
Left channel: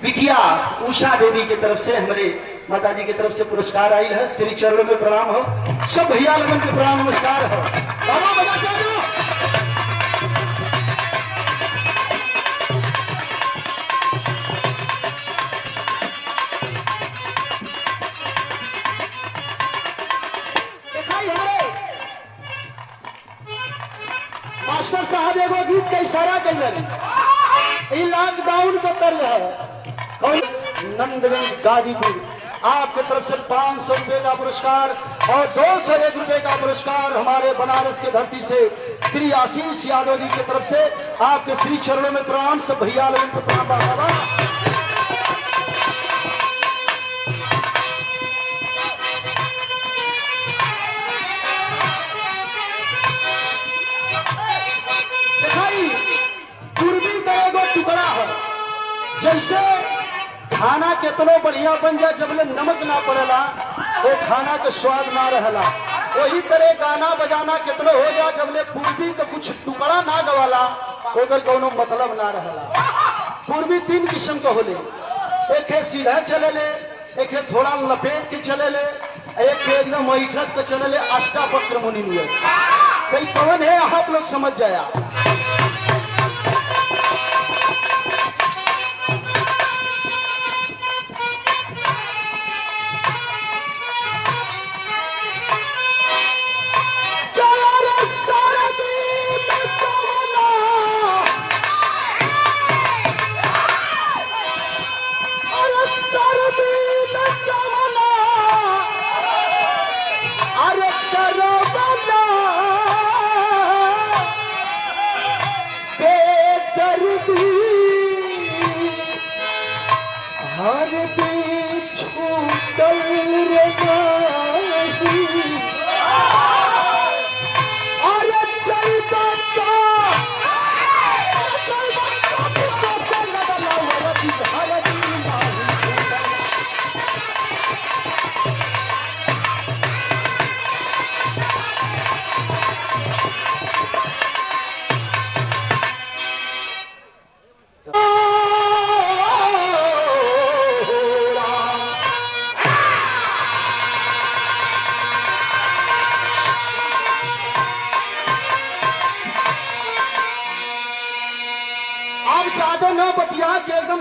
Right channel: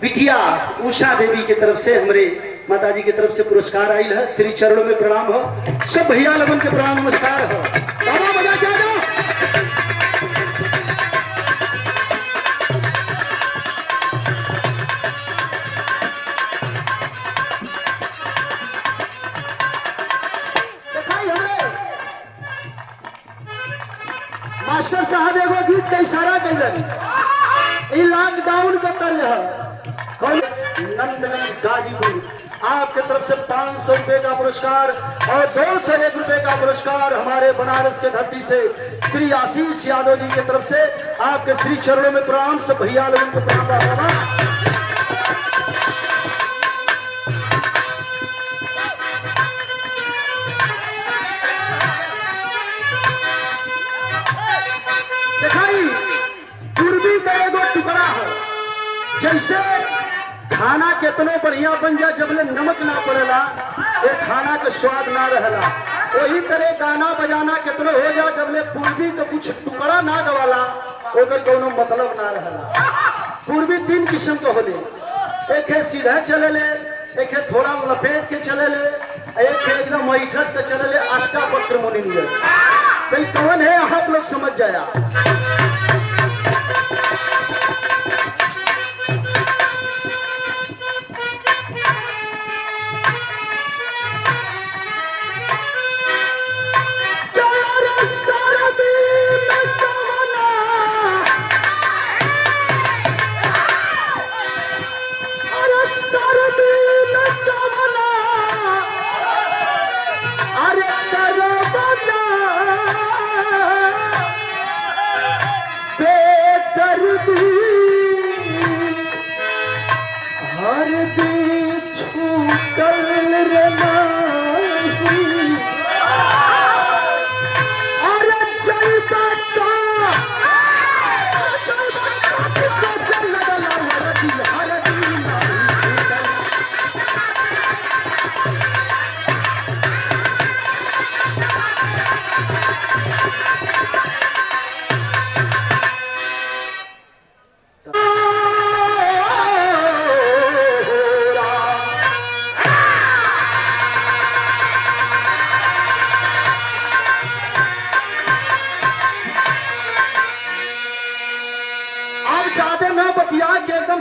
बिटिया उषा देवी की तरफ से हमारे माता जी की तरफ से पुरस्कार आई है। श्री चरणों में प्रणाम हो, सब भैया लोगों के प्रणाम नमस्कार हो। मास्टर साहब एगो गीत का इशारा कर लॉकडाउन का तर्ज है। कौन? नंदगंज गाजीपुर आपके तरफ से 500 रुपए का पुरस्कार और 201 रुपए का पुरस्कार हमारे बनारस के धरती से श्री आशीष यादव जी की तरफ से आपके श्री चरणों में प्रणाम, सब भैया लोगों को प्रणाम। पूर्वी का एगो टुकड़ा है, जैसे खाना कितनो बढ़िया बन जाए जबले नमक ना पड़ेला वो खाना के स्वाद ना रहला। वही तरह गाना बजाना कितनो हो जाए जबले पूर्वी का कुछ टुकड़ा ना गवाला ओकर कोनो मतलब ना रहला। पूर्वी 3 किस्म के होले, एक है सीधा चले ले, एक है थोड़ा लपेट के चले ले, एक है एकदम बैठक के चले ले। अष्टावक्र मुनि नियर कई कौन है आप लोग समझ जाया।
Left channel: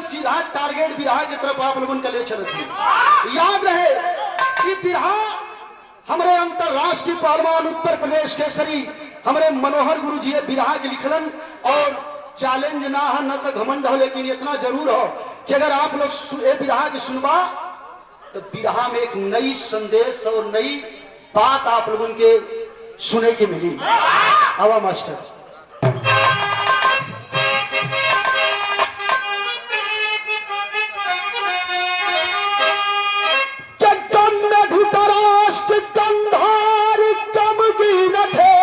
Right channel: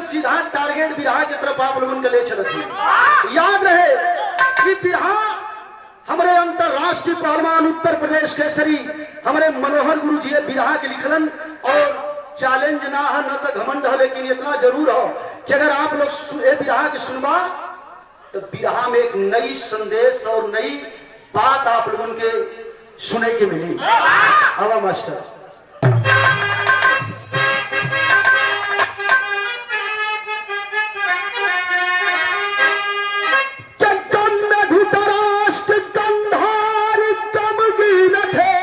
सीधा टारगेट बिरहा की तरफ आप लोगों के ले चलते। याद रहे कि बिरहा हमारे अंतरराष्ट्रीय पहलवान उत्तर प्रदेश केसरी हमारे मनोहर गुरु जी बिरहा के लिखलन। और चैलेंज ना है न तो घमंड हो, लेकिन इतना जरूर हो कि अगर आप लोग ये बिरहा की सुनवा तो बिरहा में एक नई संदेश और नई बात आप लोगों के सुने की मिली। आवा मास्टर। में 12 धृतराष्ट्र कंधार कम गिरत है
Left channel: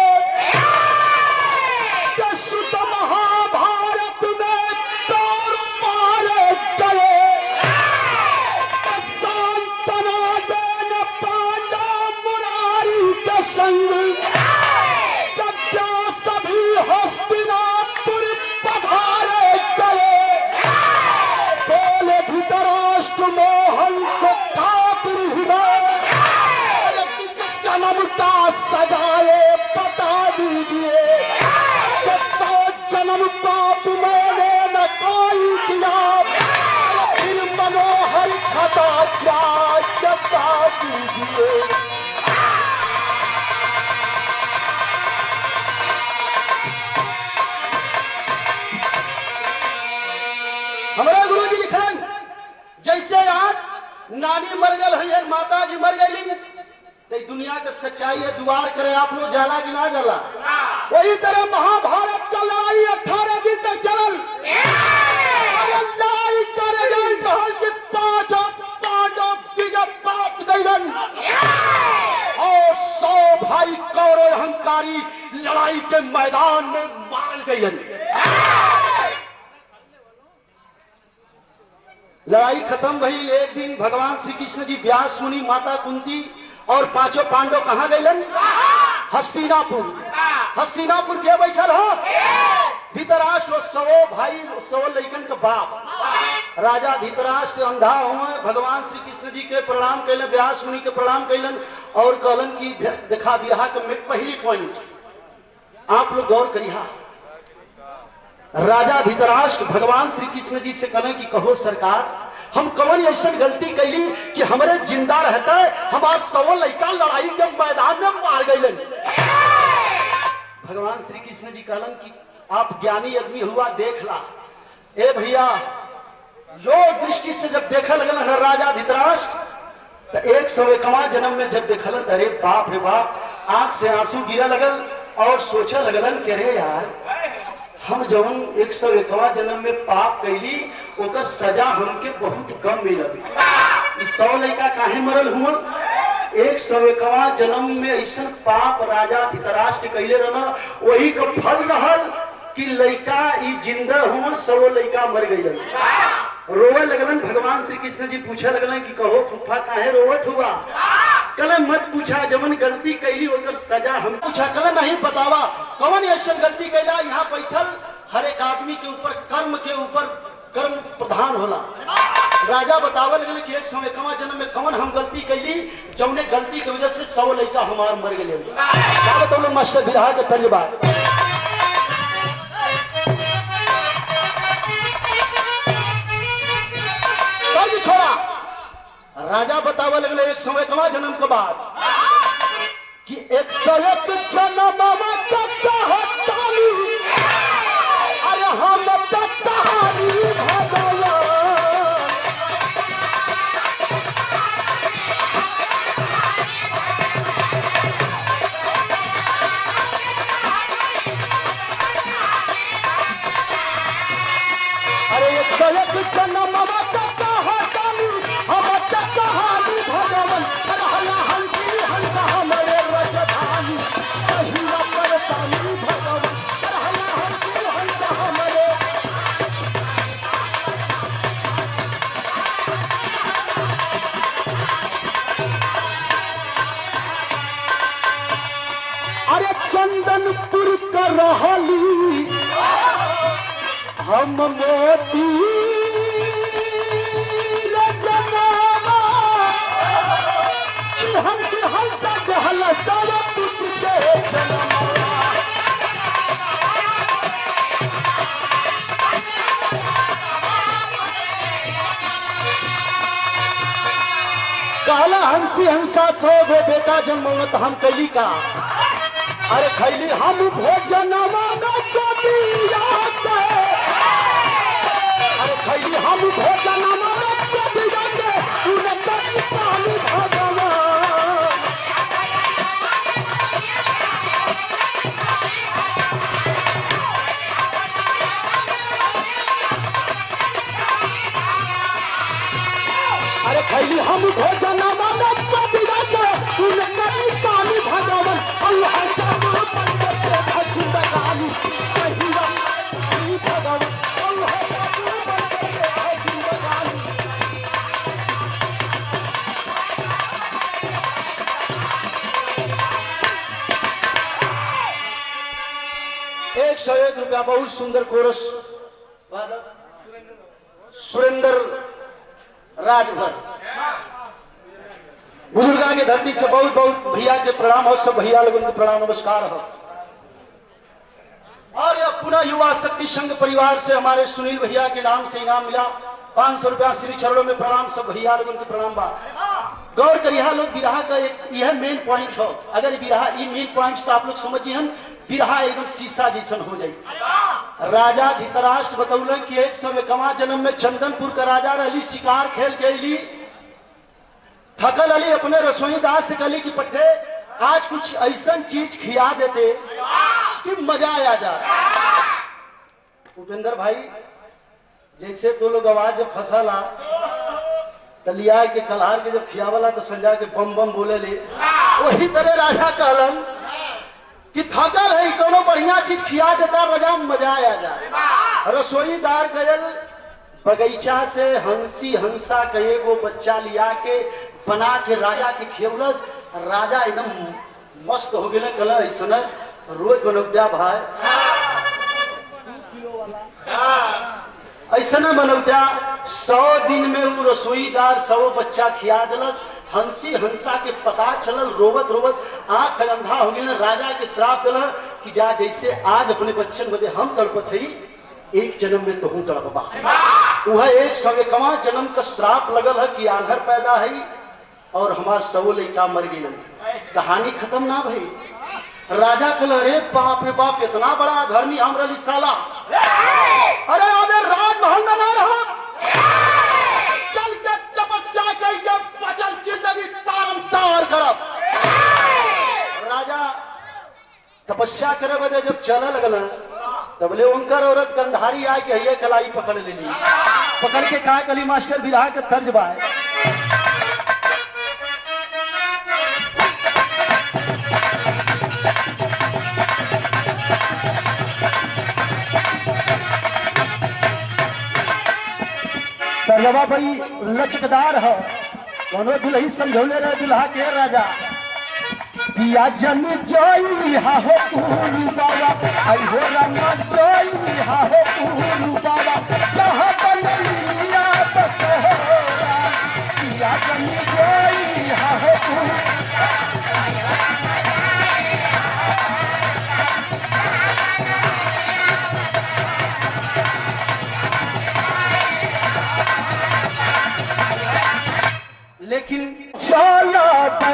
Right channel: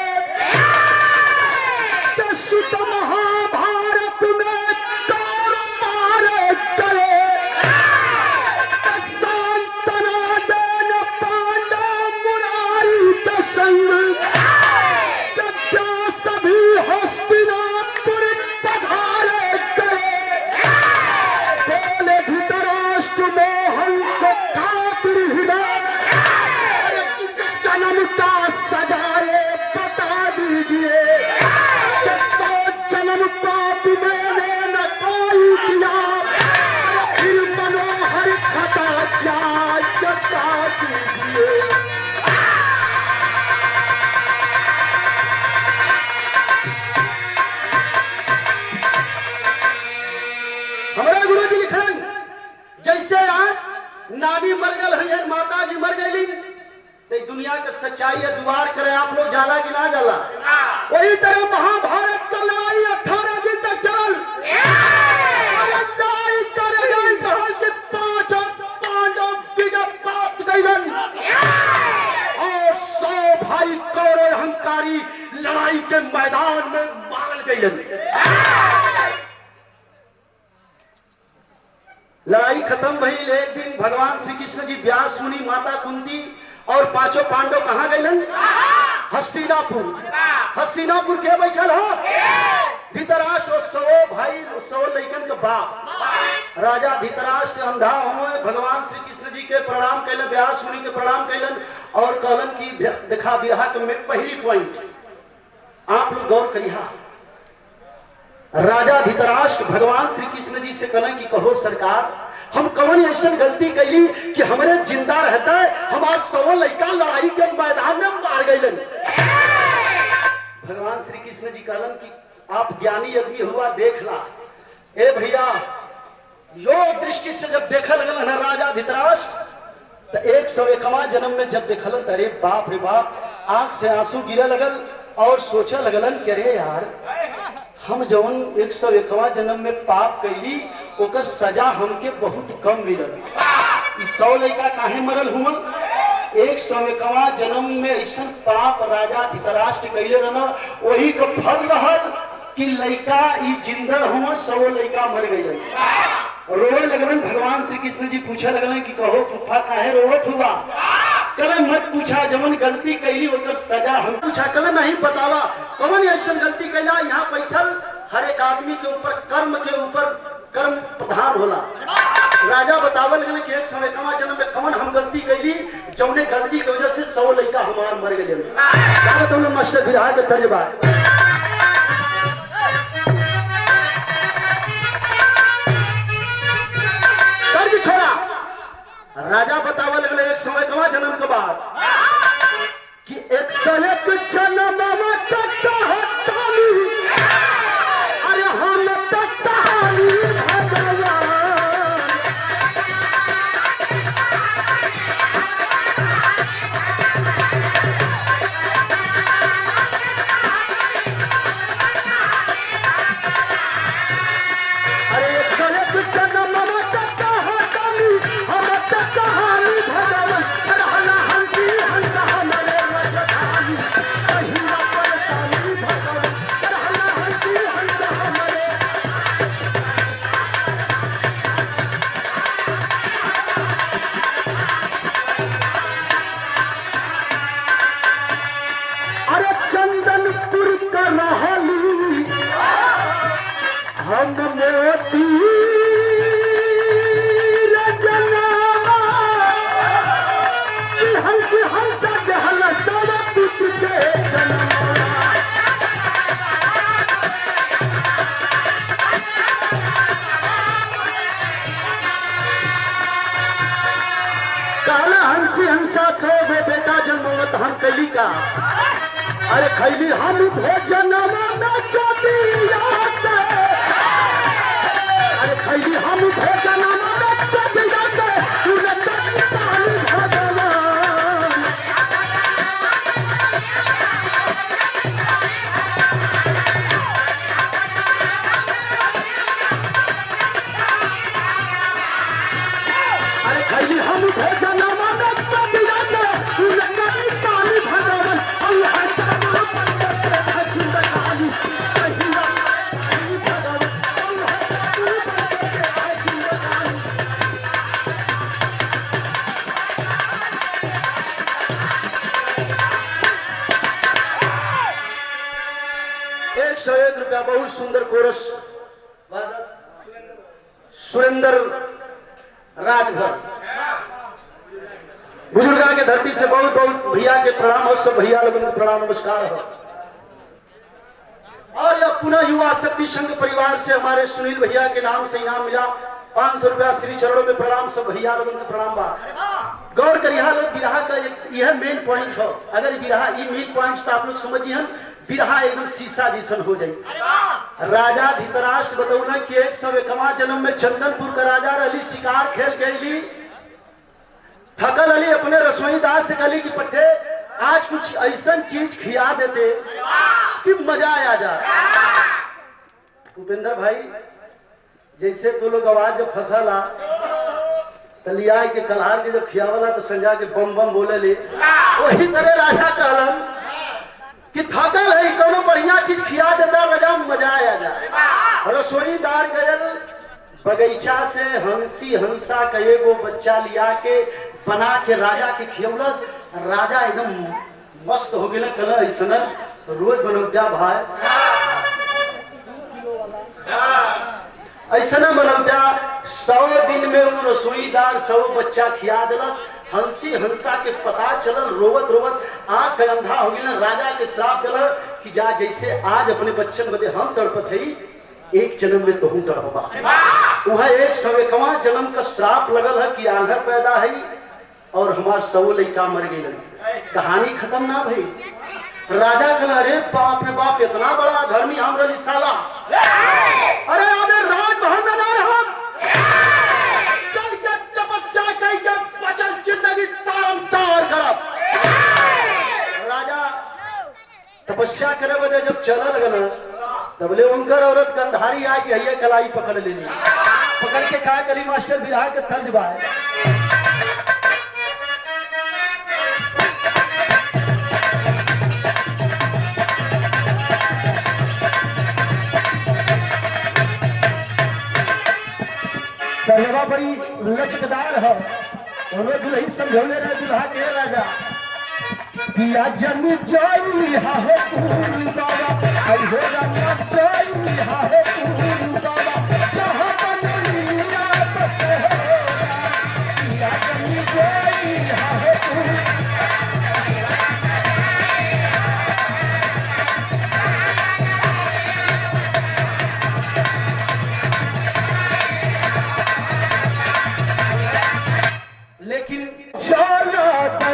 कीजिए। हमारे गुरु जी लिखन जैसे आज नानी मर गल है, माता जी मर गई, तो दुनिया का सच्चाई है, दुआर करे आप लोग जाला कि ना जाला। वही तरह महाभारत का लड़ाई 18 दिन तक चलल। लड़ाई करे गई कहल कि 5 पांडव विजय प्राप्त कइलन और 100 भाई कौरव अहंकारी लड़ाई के मैदान में मारल गइलन। लड़ाई खत्म भई। एक दिन भगवान श्री कृष्ण जी, व्यास मुनि, माता कुंती और 5 पांडव कहाँ गइलन? हस्तिनापुर। हस्तिनापुर के बैठल हो? धृतराष्ट्र और 100 भाई, 100 लइकन का बाप राजा धृतराष्ट्र अंधा हुए। भगवान श्री कृष्ण जी के प्रणाम कैलन, व्यास मुनि के प्रणाम कैलन और कहलन कि देखा विरहा के पहली पॉइंट आप लोग गौर करिहा। राजा धृतराष्ट्र भगवान श्री कृष्ण जी से कहले कि कहो सरकार, हम कौन ऐसा गलती कैली कि हमारे जिंदा रहता है, हमारे 100 लड़का लड़ाई के मैदान में मार गइलन। भगवान श्री कृष्ण जी कहलन कि आप ज्ञानी आदमी हुआ, देख ला। ए भैया, योग दृष्टि से जब देखा लगल है राजा धृतराष्ट्र, तो 101वां जन्म में जब देखलन, अरे बाप रे बाप, आंख से आंसू गिरा लगल और सोचा लगलन कि अरे यार, हम जौन 101वां जन्म में पाप कैली ओकर सजा हमके बहुत कम मिलल। 100 लड़का काहे मरल हुआ? 101वां जन्म में ऐसा पाप राजा धृतराष्ट्र कैले रहना, वही का फल रहल कि लड़का ई जिंदा हुआ, 100 लड़का मर गइलन। रोवे लगलन। भगवान श्री कृष्ण जी पूछे लगलन कि कहो फूफा काहे रोवत हुआ? कहले मत पूछा, जवन गलती कैली ओकर सजा हम। पूछा, कहले नहीं बतावा कौन ऐसा गलती कैला? यहाँ बैठल हर एक आदमी के ऊपर कर्म प्रधान होला। राजा बतावल गए कि 101वां जन्म में कौन हम गलती कैली, जौने गलती की वजह से 100 लड़का हमार मर गए। क्या बताओ मास्टर बिरहा के तर्जबा कर्ज छोड़ा। राजा बतावल गए 101वां जन्म के बाद कि 101 जन्म अरे हम हम मोती हंस हल सब कुछ के काला हंसी हंसा 100 गो बेटा जन्मत हम कैली का। अरे खैली हम भोजन खैली हम भोजन अरे खैली हम भोजन ₹101 बहुत सुंदर कोरस सुरेंद्र राजभर बुजुर्गा के धरती से बहुत बहुत भैया के प्रणाम हो। सब भैया लोगों को प्रणाम नमस्कार हो। और यह पुनः युवा शक्ति संघ परिवार से हमारे सुनील भैया के नाम से इनाम मिला 500 रुपया श्री चरणों में प्रणाम। सब भैया लोगों के प्रणाम बा। गौर करिए लोग, बिरहा का एक यह मेन पॉइंट हो। अगर बिरहा ये मेन पॉइंट से आप लोग समझिए, बिरहा एकदम शीशा जैसन हो जाये। राजा धृतराष्ट्र बतौल कि 101वां जन्म में चंदनपुर का राजा रही, शिकार खेल के अली, थकल अली, अपने रसोईदार से कहली कि पट्टे आज कुछ ऐसा चीज खिया देते कि मजा आ जाए। उपेंद्र भाई जैसे तो लोग आवाज जब फंसला तलिया के कलहार के जब खियावला तो संजा के बम बम बोले ले, वही तरह राजा कहलन कि थकल है, कोनो बढ़िया चीज खिया देता राजा मजा आ जाए। रसोईदार गयल बगीचा से हंसी हंसा का एगो बच्चा लिया के बना के राजा के खियवलस। राजा एकदम मस्त हो गए, कल ऐसा रोज बनौद्या भाई ऐसा बनौद्या। 100 दिन में वो रसोईदार 100 बच्चा खिया दिलस। हंसी हंसा के पता चलल, रोवत रोवत आंख अंधा हो गया। राजा के श्राप दिल कि जा जैसे आज अपने बच्चन बदे हम तड़पत है, एक जन्म में तो हूं तड़पबा। वह 101वां जन्म का श्राप लगल है कि आंधर पैदा है और हमार 100 लड़का मर गए। कहानी खत्म ना भाई। राजा कहल अरे बाप रे बाप, इतना बड़ा धर्मी हम रही साला, अरे अबे राजमहल में ना रहो, चल के तपस्या करके बचल जिंदगी तारम तार करब। राजा तपस्या करे बजे जब चला लगना तबले उनकर औरत गंधारी आए कि हइये कलाई पकड़ लेनी। पकड़ के कहा कली मास्टर बिरहा के तर्ज बा तर्जबा बड़ी लचकदार है। उन्होंने दुल्ही समझौले रहे दुल्हा के राजा पिया जन जोई हा हो तू बाबा, आई हो रंगा जोई हा हो तू बाबा, जहां बदली दुनिया बस हो पिया जन जोई हा हो तू। लेकिन चला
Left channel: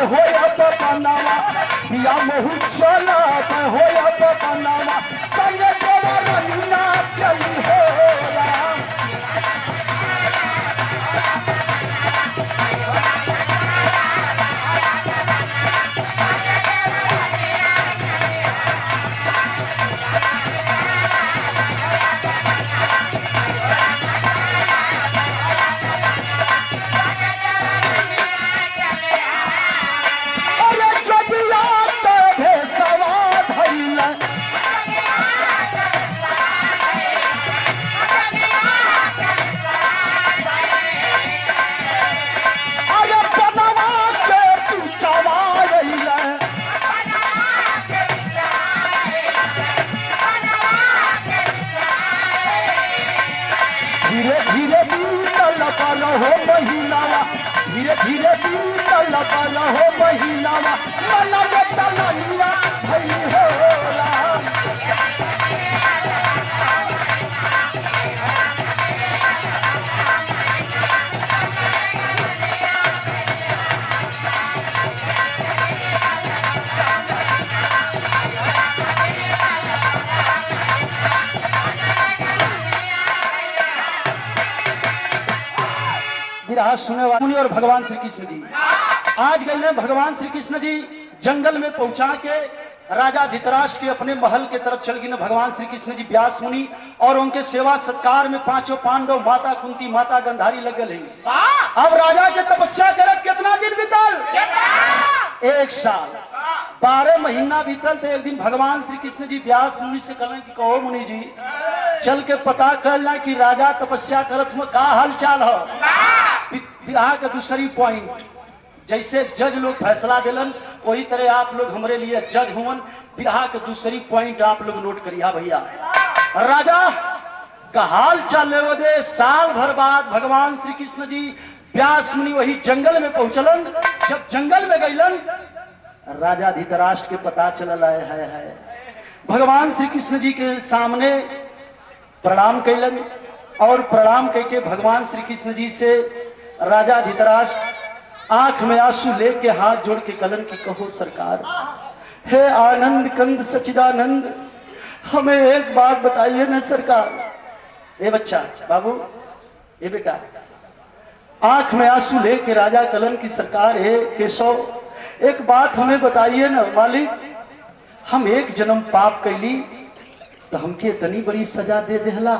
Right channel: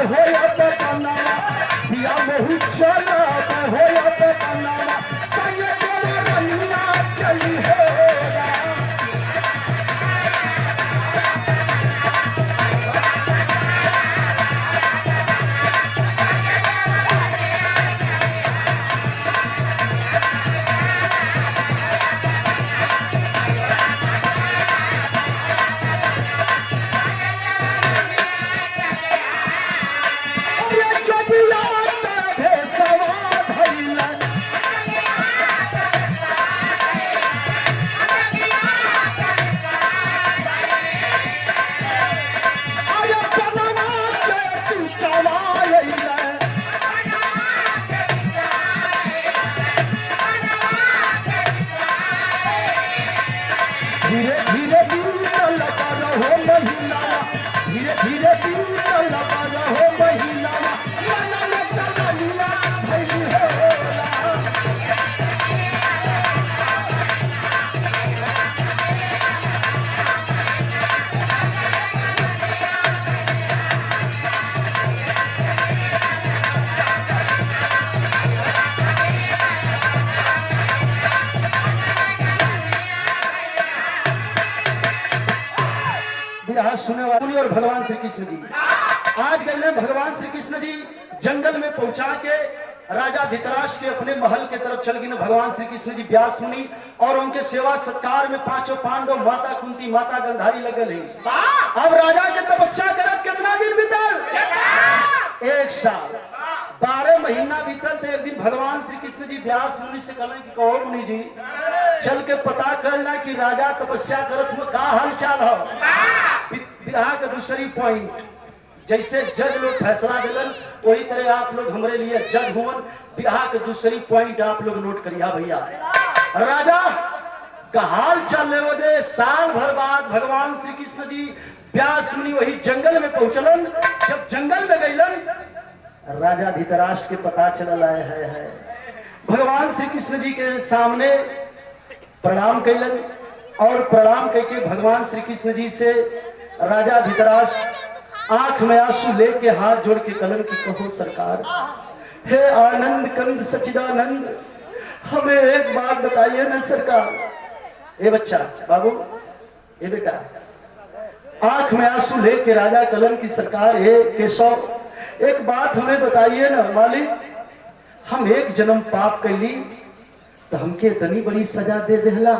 होया तो बनावा दिया महू, चला होया तो बनावा सगे तेरा रंगा चली हो। धीरे धीरे दिन चलता रहो महीनावा, धीरे धीरे दिन चलता रहो महीनावा, मन में तलैया भई होला। बिरहा सुने वाले और भगवान श्री कृष्ण जी आज गए भगवान श्री कृष्ण जी जंगल में पहुंचा के राजा धृतराष्ट्र के अपने महल के तरफ चल गए। भगवान श्री कृष्ण जी व्यास मुनि और उनके सेवा सत्कार में 5 पांडव, माता कुंती, माता गंधारी लगल है। अब राजा के तपस्या करत कितना दिन बीतल? 1 साल 12 महीना बीतल। तो एक दिन भगवान श्री कृष्ण जी व्यास मुनि से कहले कि कहो मुनि जी चल के पता कर लें कि राजा तपस्या करत में का हाल चाल है। बिरहा का दूसरी पॉइंट, जैसे जज लोग फैसला दिलन वही तरह आप लोग हमारे लिए जज हुवन। बिरहा के दूसरी पॉइंट आप लोग नोट करिए भैया। राजा का हाल चाल ले साल भर बाद भगवान श्री कृष्ण जी व्यास मुनि वही जंगल में पहुंचलन। जब जंगल में गईलन राजा धृतराष्ट्र के पता चलल है। भगवान श्री कृष्ण जी के सामने प्रणाम कैलन। और प्रणाम करके भगवान श्री कृष्ण जी से राजा धृतराष्ट्र आंख में आंसू लेके हाथ जोड़ के कलन की कहो सरकार, हे आनंद कंद सचिदानंद, हमें एक बात बताइए ना सरकार। ए बच्चा, बाबू, ए बेटा, आंख में आंसू लेके राजा कलन की सरकार, हे केशव, एक बात हमें बताइए ना मालिक, हम एक जन्म पाप कैली तो हमके इतनी बड़ी सजा दे देहला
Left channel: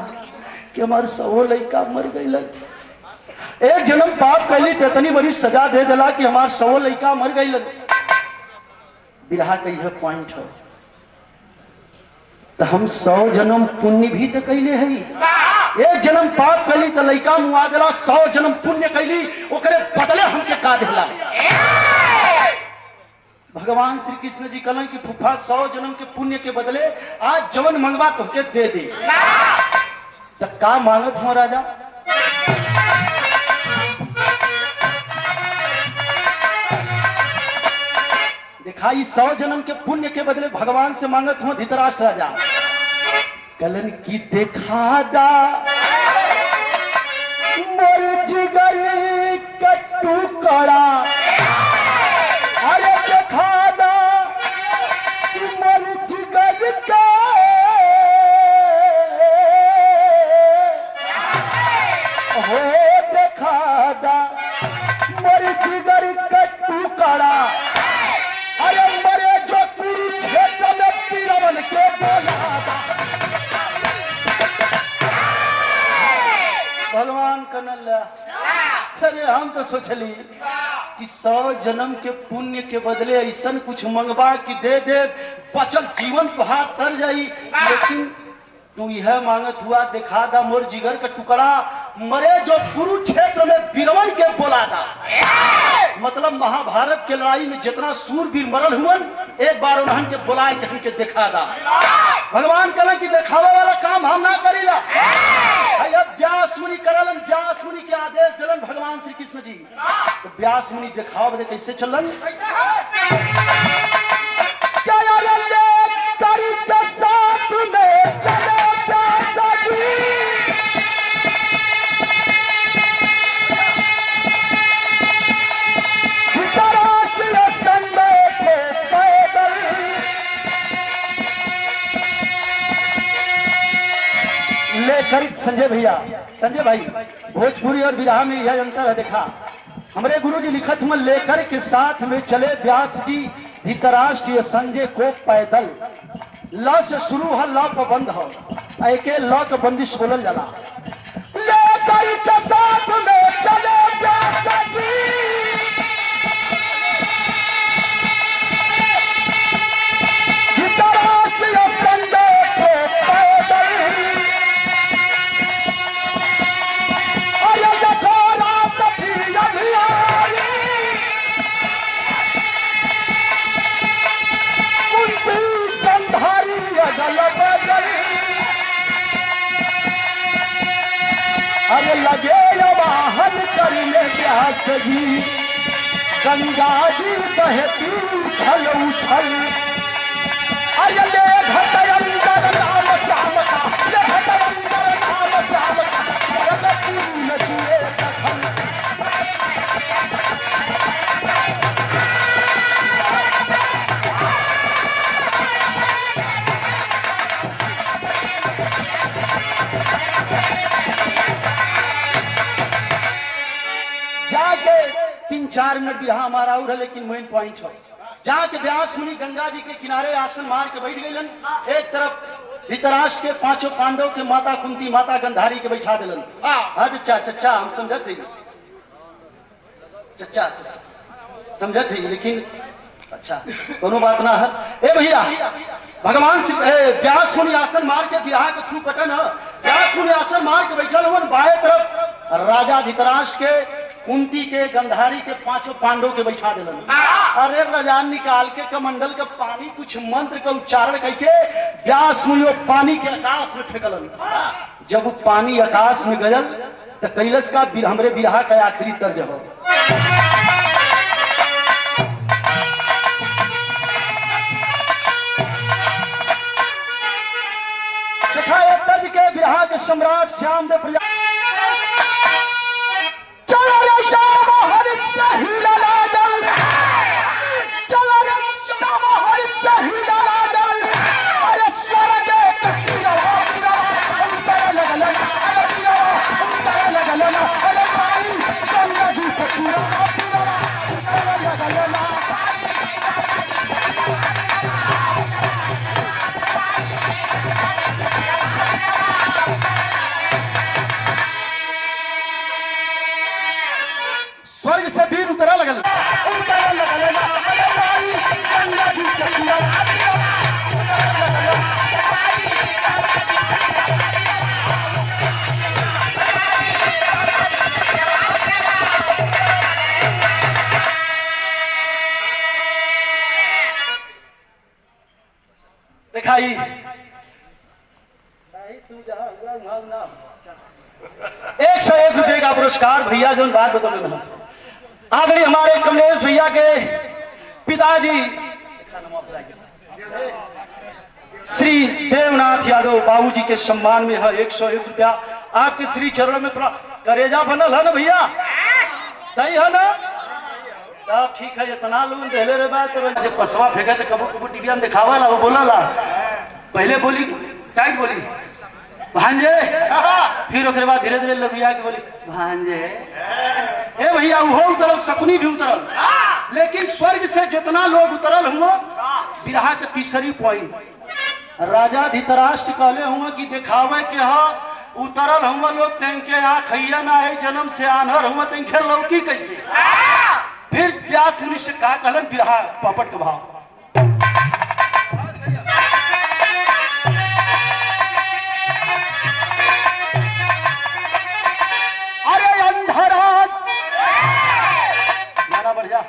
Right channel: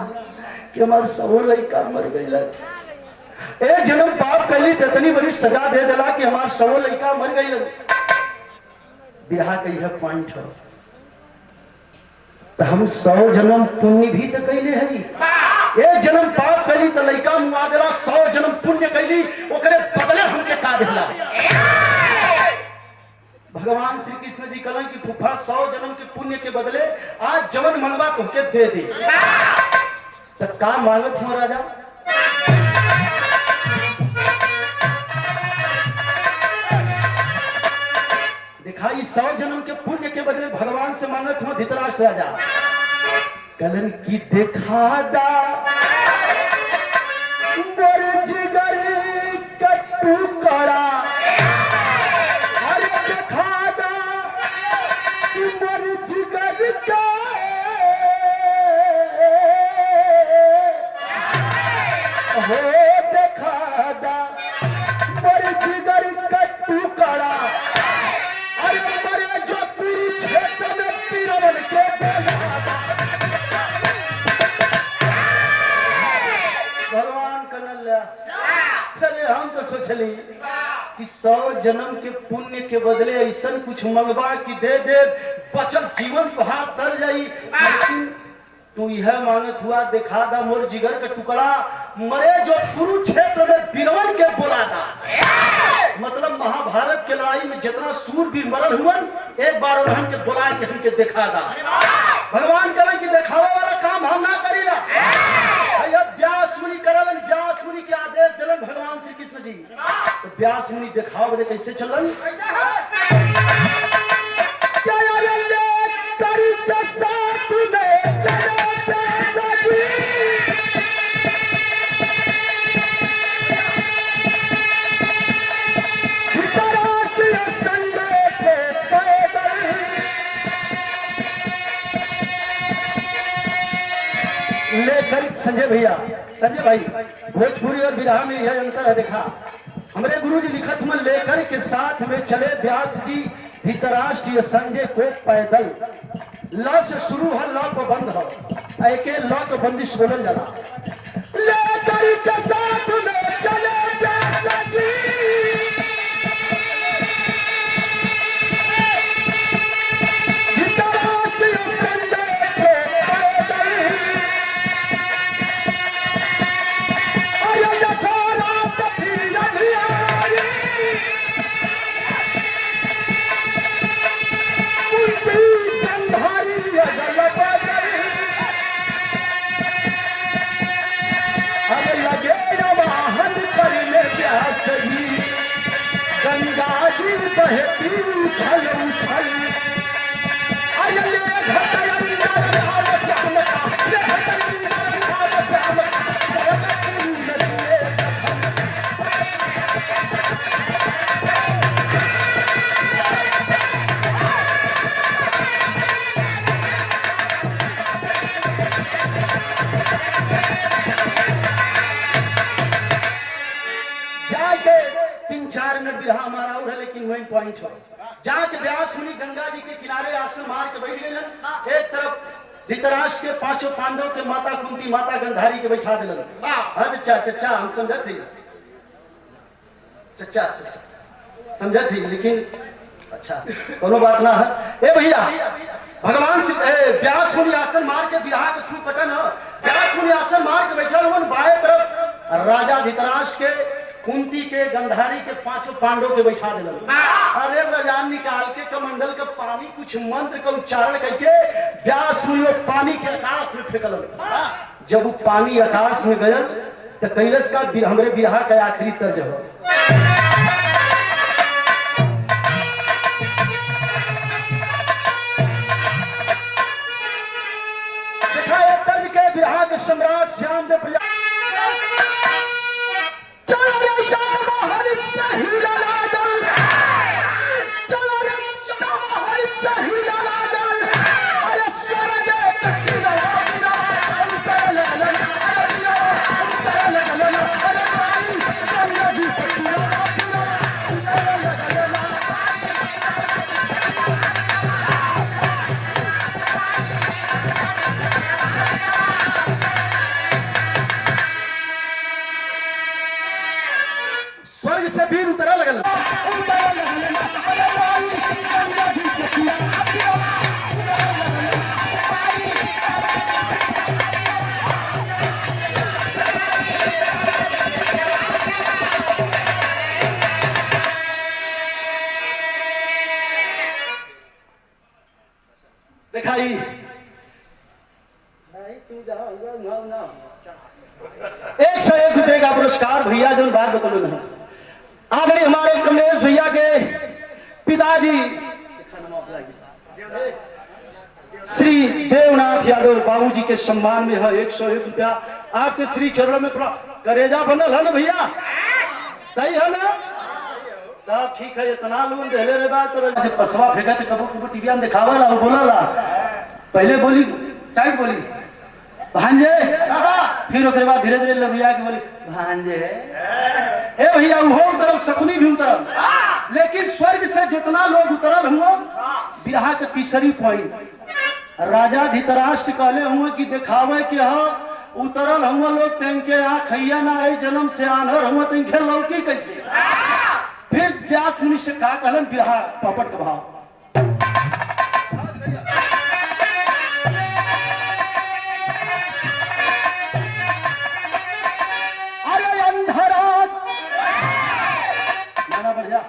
कि हमारे सौ लड़का मर गई। एक जन्म पाप कैली तो इतनी बड़ी सजा दे देला कि हमारे 100 लड़का मर गई। बिरहा कही है पॉइंट है, तो हम 100 जन्म पुण्य भी तो कैले है। एक जन्म पाप कैली तो लड़का मुआ देला, 100 जन्म पुण्य कैली ओकरे बदले हमके का देला। भगवान श्री कृष्ण जी कहलन कि फूफा 100 जन्म के पुण्य के बदले आज जवन मंगवा तुमके दे दे। तो का मांगत हो राजा? दिखाई 100 जन्म के पुण्य के बदले भगवान से मांगत हो धृतराष्ट्र राजा। कलन की देखा दा मोर जिगर कट्टू करा, अरे देखा दा मोर जिगर का हो, देखा दा मोर जिगर कट्टू करा, अरे मरे जो कुरुक्षेत्र में पीरवन के बोला। भगवान कन्हैया, अरे हम तो सोचली कि 100 जन्म के पुण्य के बदले ऐसा कुछ मंगवा कि दे दे बचल जीवन तो हाथ तर जाई, लेकिन तू यह मांगत हुआ देखा दा मोर जिगर का टुकड़ा, मरे जो कुरुक्षेत्र में बीरवन के बोला था। मतलब महाभारत के लड़ाई में जितना सूरवीर मरल हुआ, एक बार उन्होंने के बुला के हमके देखा दा। भगवान कहले कि दिखावा वाला काम हम ना करीला, व्यास मुनि करलन। व्यास मुनि के आदेश दिलन भगवान श्री कृष्ण जी। तो व्यास मुनि दिखावा बदे कैसे चलन? क्या करी के साथ में चले प्यासा जी, धृतराष्ट्र संजय के पैदल, लेकर संजय भैया, संजय भाई, भोजपुरी और विरहा में यह अंतर है। देखा हमारे गुरु जी लिखत हुआ, लेकर के साथ में चले व्यास जी धृतराष्ट्र संजय को पैदल। ल से शुरू है, ल को बंद हो, एक ल को बंदिश बोलल जाला। लेकर के साथ में चले व्यास जी, धृतराष्ट्र संजय को पैदल, अरे यथारा कथी अभियारी, गंधारी अगल बगल, अरे लगे वाहन करने व्यास जी, गंगा जी बहती उछल उछल, अरे ले घट अंदर नाम श्याम का, ले घट अंदर नाम श्याम का, नचिए कथन। जाके 3-4 मिनट बिरहा हमारा और है, लेकिन मेन पॉइंट है जाके व्यास मुनि गंगा जी के किनारे आसन मार के बैठ गए। एक तरफ धृतराष्ट्र के 5 पांडव के माता कुंती, माता गंधारी के बैठा दिलन। अच्छा चचा हम समझत है, चचा चचा समझत है, लेकिन अच्छा कोनो बात ना है। ए भैया, भगवान व्यास मुनि आसन मार के बिरहा के थ्रू पटन है। व्यास मुनि आसन मार के बैठल हुआ, बाएं तरफ राजा धृतराष्ट्र के, कुंती के, गंधारी के 5 पांडव के बैठा दिलन। अरे रजान निकाल के कमंडल का पानी कुछ मंत्र का उच्चारण करके व्यास मुनि पानी के आकाश में फेंकलन। जब वो पानी आकाश में गयल तो कैलस का हमरे बिरहा का आखिरी तर्ज हो। देखा तर्ज के बिरहा के सम्राट श्याम देव दिखाई। 101 रुपए का पुरस्कार भैया जो बात बतौल ना आदरणीय हमारे कमलेश भैया के पिताजी श्री देवनाथ यादव बाबूजी के सम्मान में है 101 रुपया आपके श्री चरणों में करेजा बनल है ना भैया, सही है ना? तब ठीक है, इतना लोन दे ले रे बात तो जब पसवा फेंका तो कबू कबू टीवी में दिखावा ला, वो बोला ला पहले बोली टाइट बोली भांजे, फिर उसके बाद धीरे धीरे लबिया के बोली भांजे। ए भैया वो उतरल, शकुनी भी उतरल, लेकिन स्वर्ग से जितना लोग उतरल हुआ बिरहा के तीसरी पॉइंट राजा धृतराष्ट्र कहले हुआ कि दिखावे कि हाँ उतरल हुआ लोग तेंके आखिया ना आई जन्म से आनर हुआ तेंके लौकी कैसे। फिर व्यास मुनि से कहा कहलन बिरहा पपट का भाव। अरे अंधराज माना बढ़ जा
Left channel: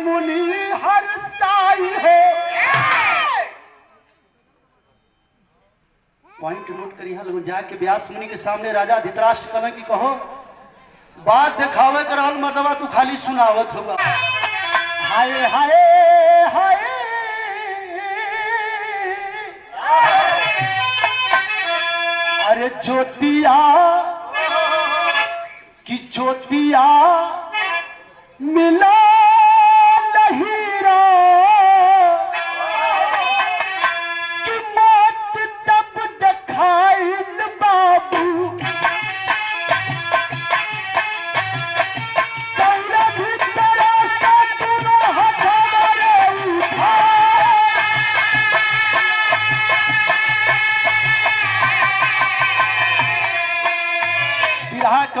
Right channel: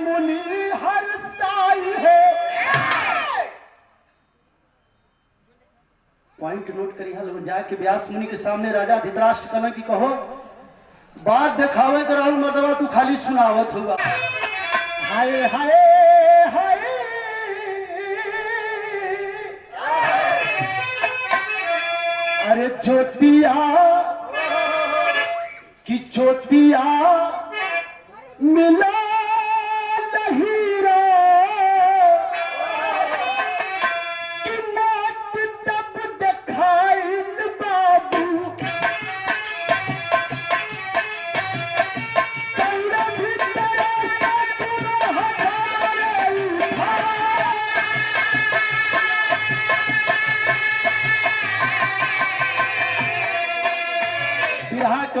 मुनि हर साई हो। पॉइंट नोट करी हल जाके व्यास मुनि के सामने राजा धृतराष्ट्र कहना कि कहो बात दिखावे कर रहल मर्दवा तू खाली सुनावत होगा। हाय हाय हाय अरे ज्योतिया कि ज्योतिया मिला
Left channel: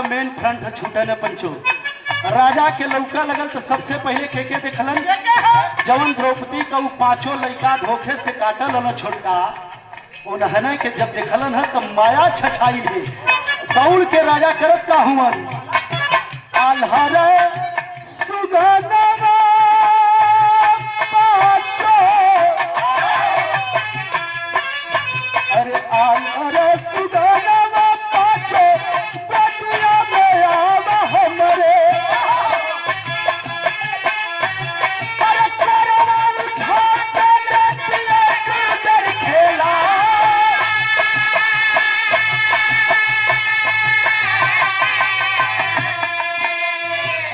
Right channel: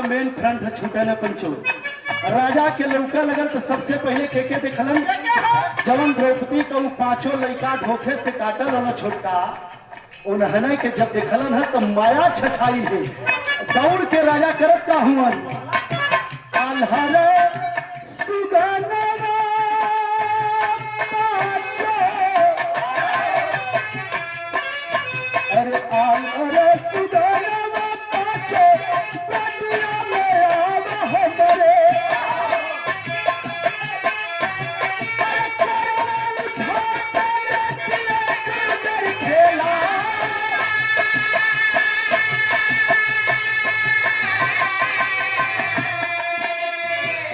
मेन फ्रंट छूटे न पंचो। राजा के लौका लगन तो सबसे पहले के देखलन जवन द्रौपदी का पांचों लड़का धोखे से काटल और छोटका उन्हें के जब देखलन है तो माया छछाई है। दौड़ के राजा करत का हुआ आल्हर सुगनवा पांचो अरे आल्हर सुगनवा पांचो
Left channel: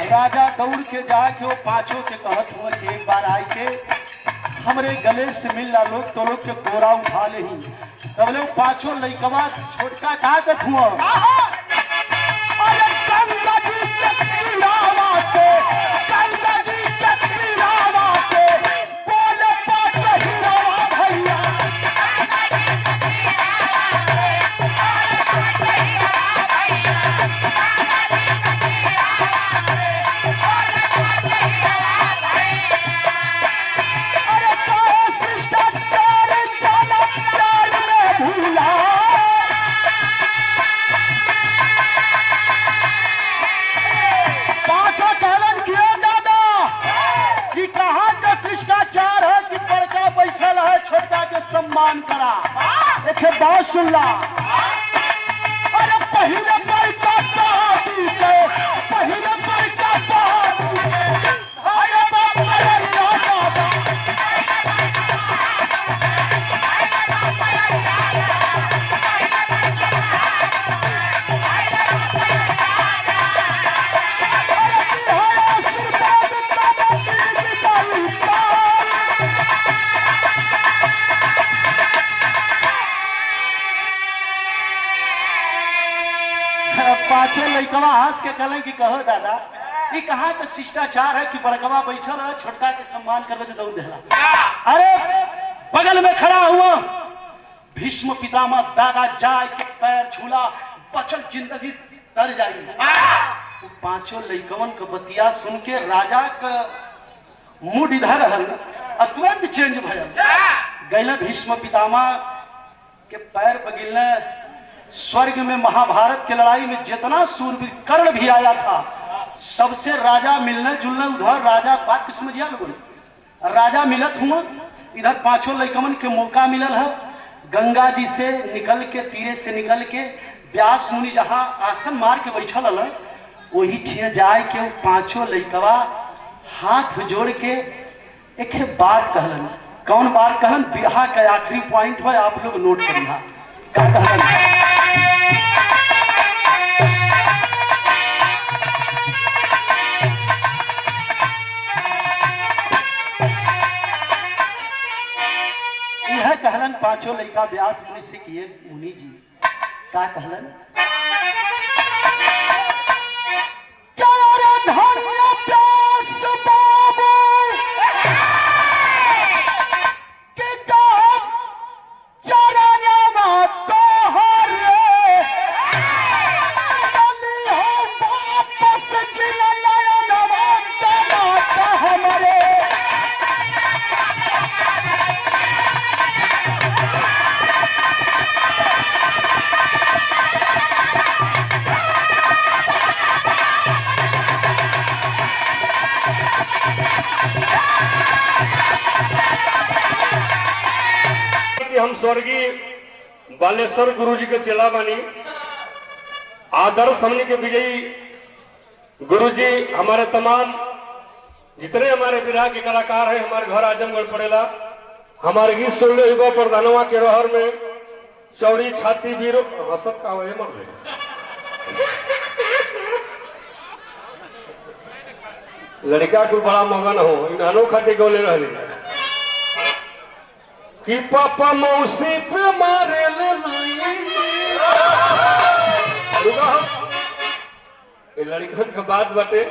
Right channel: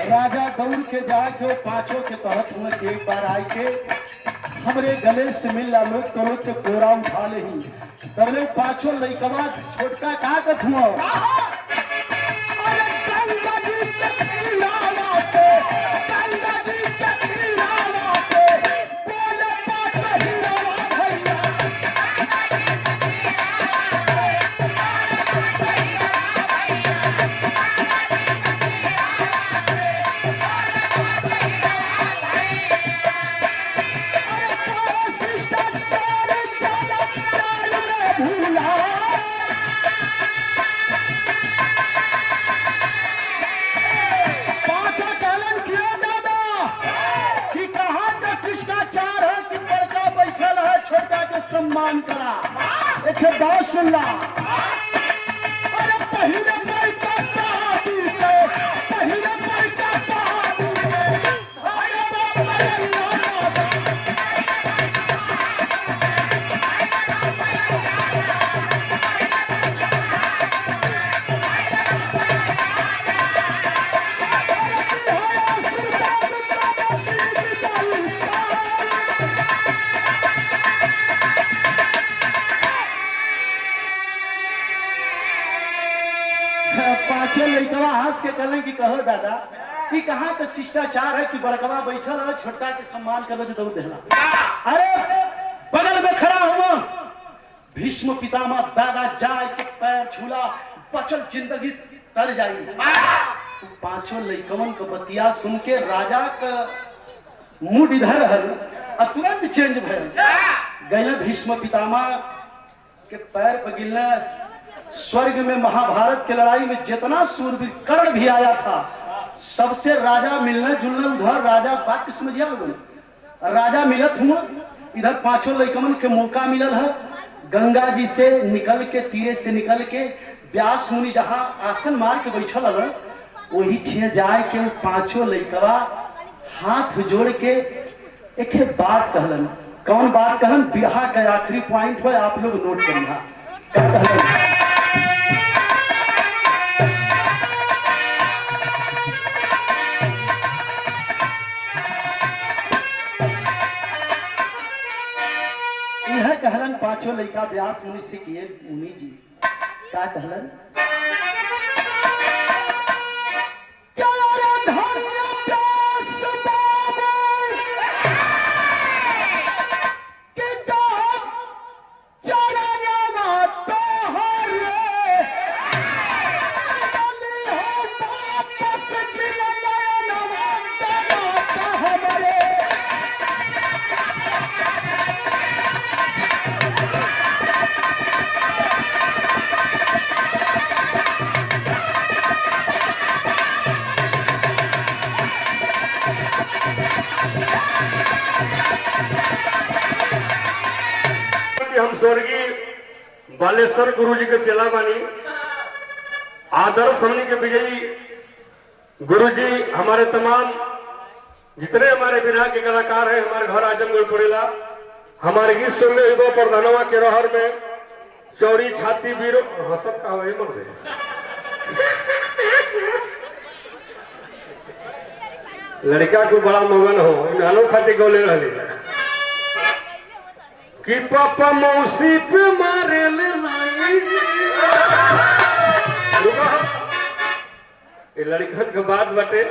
राजा दौड़ के जाके वो पांचों के कहत हुआ कि एक बार आए के हमरे गले से मिल ला लोग तो लोग के कोरा उठा ले ही तबले पांचों लइकवा छोटका कहा कत हुआ सम्मान करा एक बात सुन ला। अरे पहले पर का पहाड़ी को पहले पर का पहाड़ी अरे बाबा पांचों लड़कवा हंस के कहले कि कहो दादा कि कहाँ का शिष्टाचार है कि बड़कवा बैठल है छोटका के सम्मान करवे तो दौड़ देला। अरे बगल में खड़ा हुआ भीष्म पितामह दादा जाय के पैर छूला बचल जिंदगी तर जाई। तो पांचों लड़कवन का बतिया सुन के राजा का मूड इधर है तुरंत चेंज भयल गए भीष्म पितामह के पैर पर गिरने। स्वर्ग में महाभारत के लड़ाई में जितना सूरवीर कर्ण भी आया था सबसे राजा मिलने जुलने उधर राजा बात समझिया लोगों राजा मिलत हुआ इधर पांचों लड़कवन के मौका मिलल है। गंगा जी से निकल के तीरे से निकल के व्यास मुनि जहां आसन मार के बैठल है वही ठिया जाए के पांचों लड़कवा हाथ जोड़ के एक बात कहलन। कौन बात कहलन बिरहा का आखिरी पॉइंट है आप लोग नोट करिए क्या कहलन। यह कहलन पांचों लड़का व्यास मुनि से किए मुनि जी क्या कहलन हम स्वर्गीय बालेश्वर गुरु जी के चेला बानी आदर्श हमने के विजयी गुरु जी हमारे तमाम जितने हमारे विराग के कलाकार हैं हमारे घर आजमगढ़ पड़ेला हमारे गीत सुनने युवा प्रधानवा के रोहर में चौड़ी छाती वीर हसत का हुआ मर गए लड़का को बड़ा मगन हो इन खाती गौले रह कि पापा मौसी पे मारे ले लड़कन के बात बटे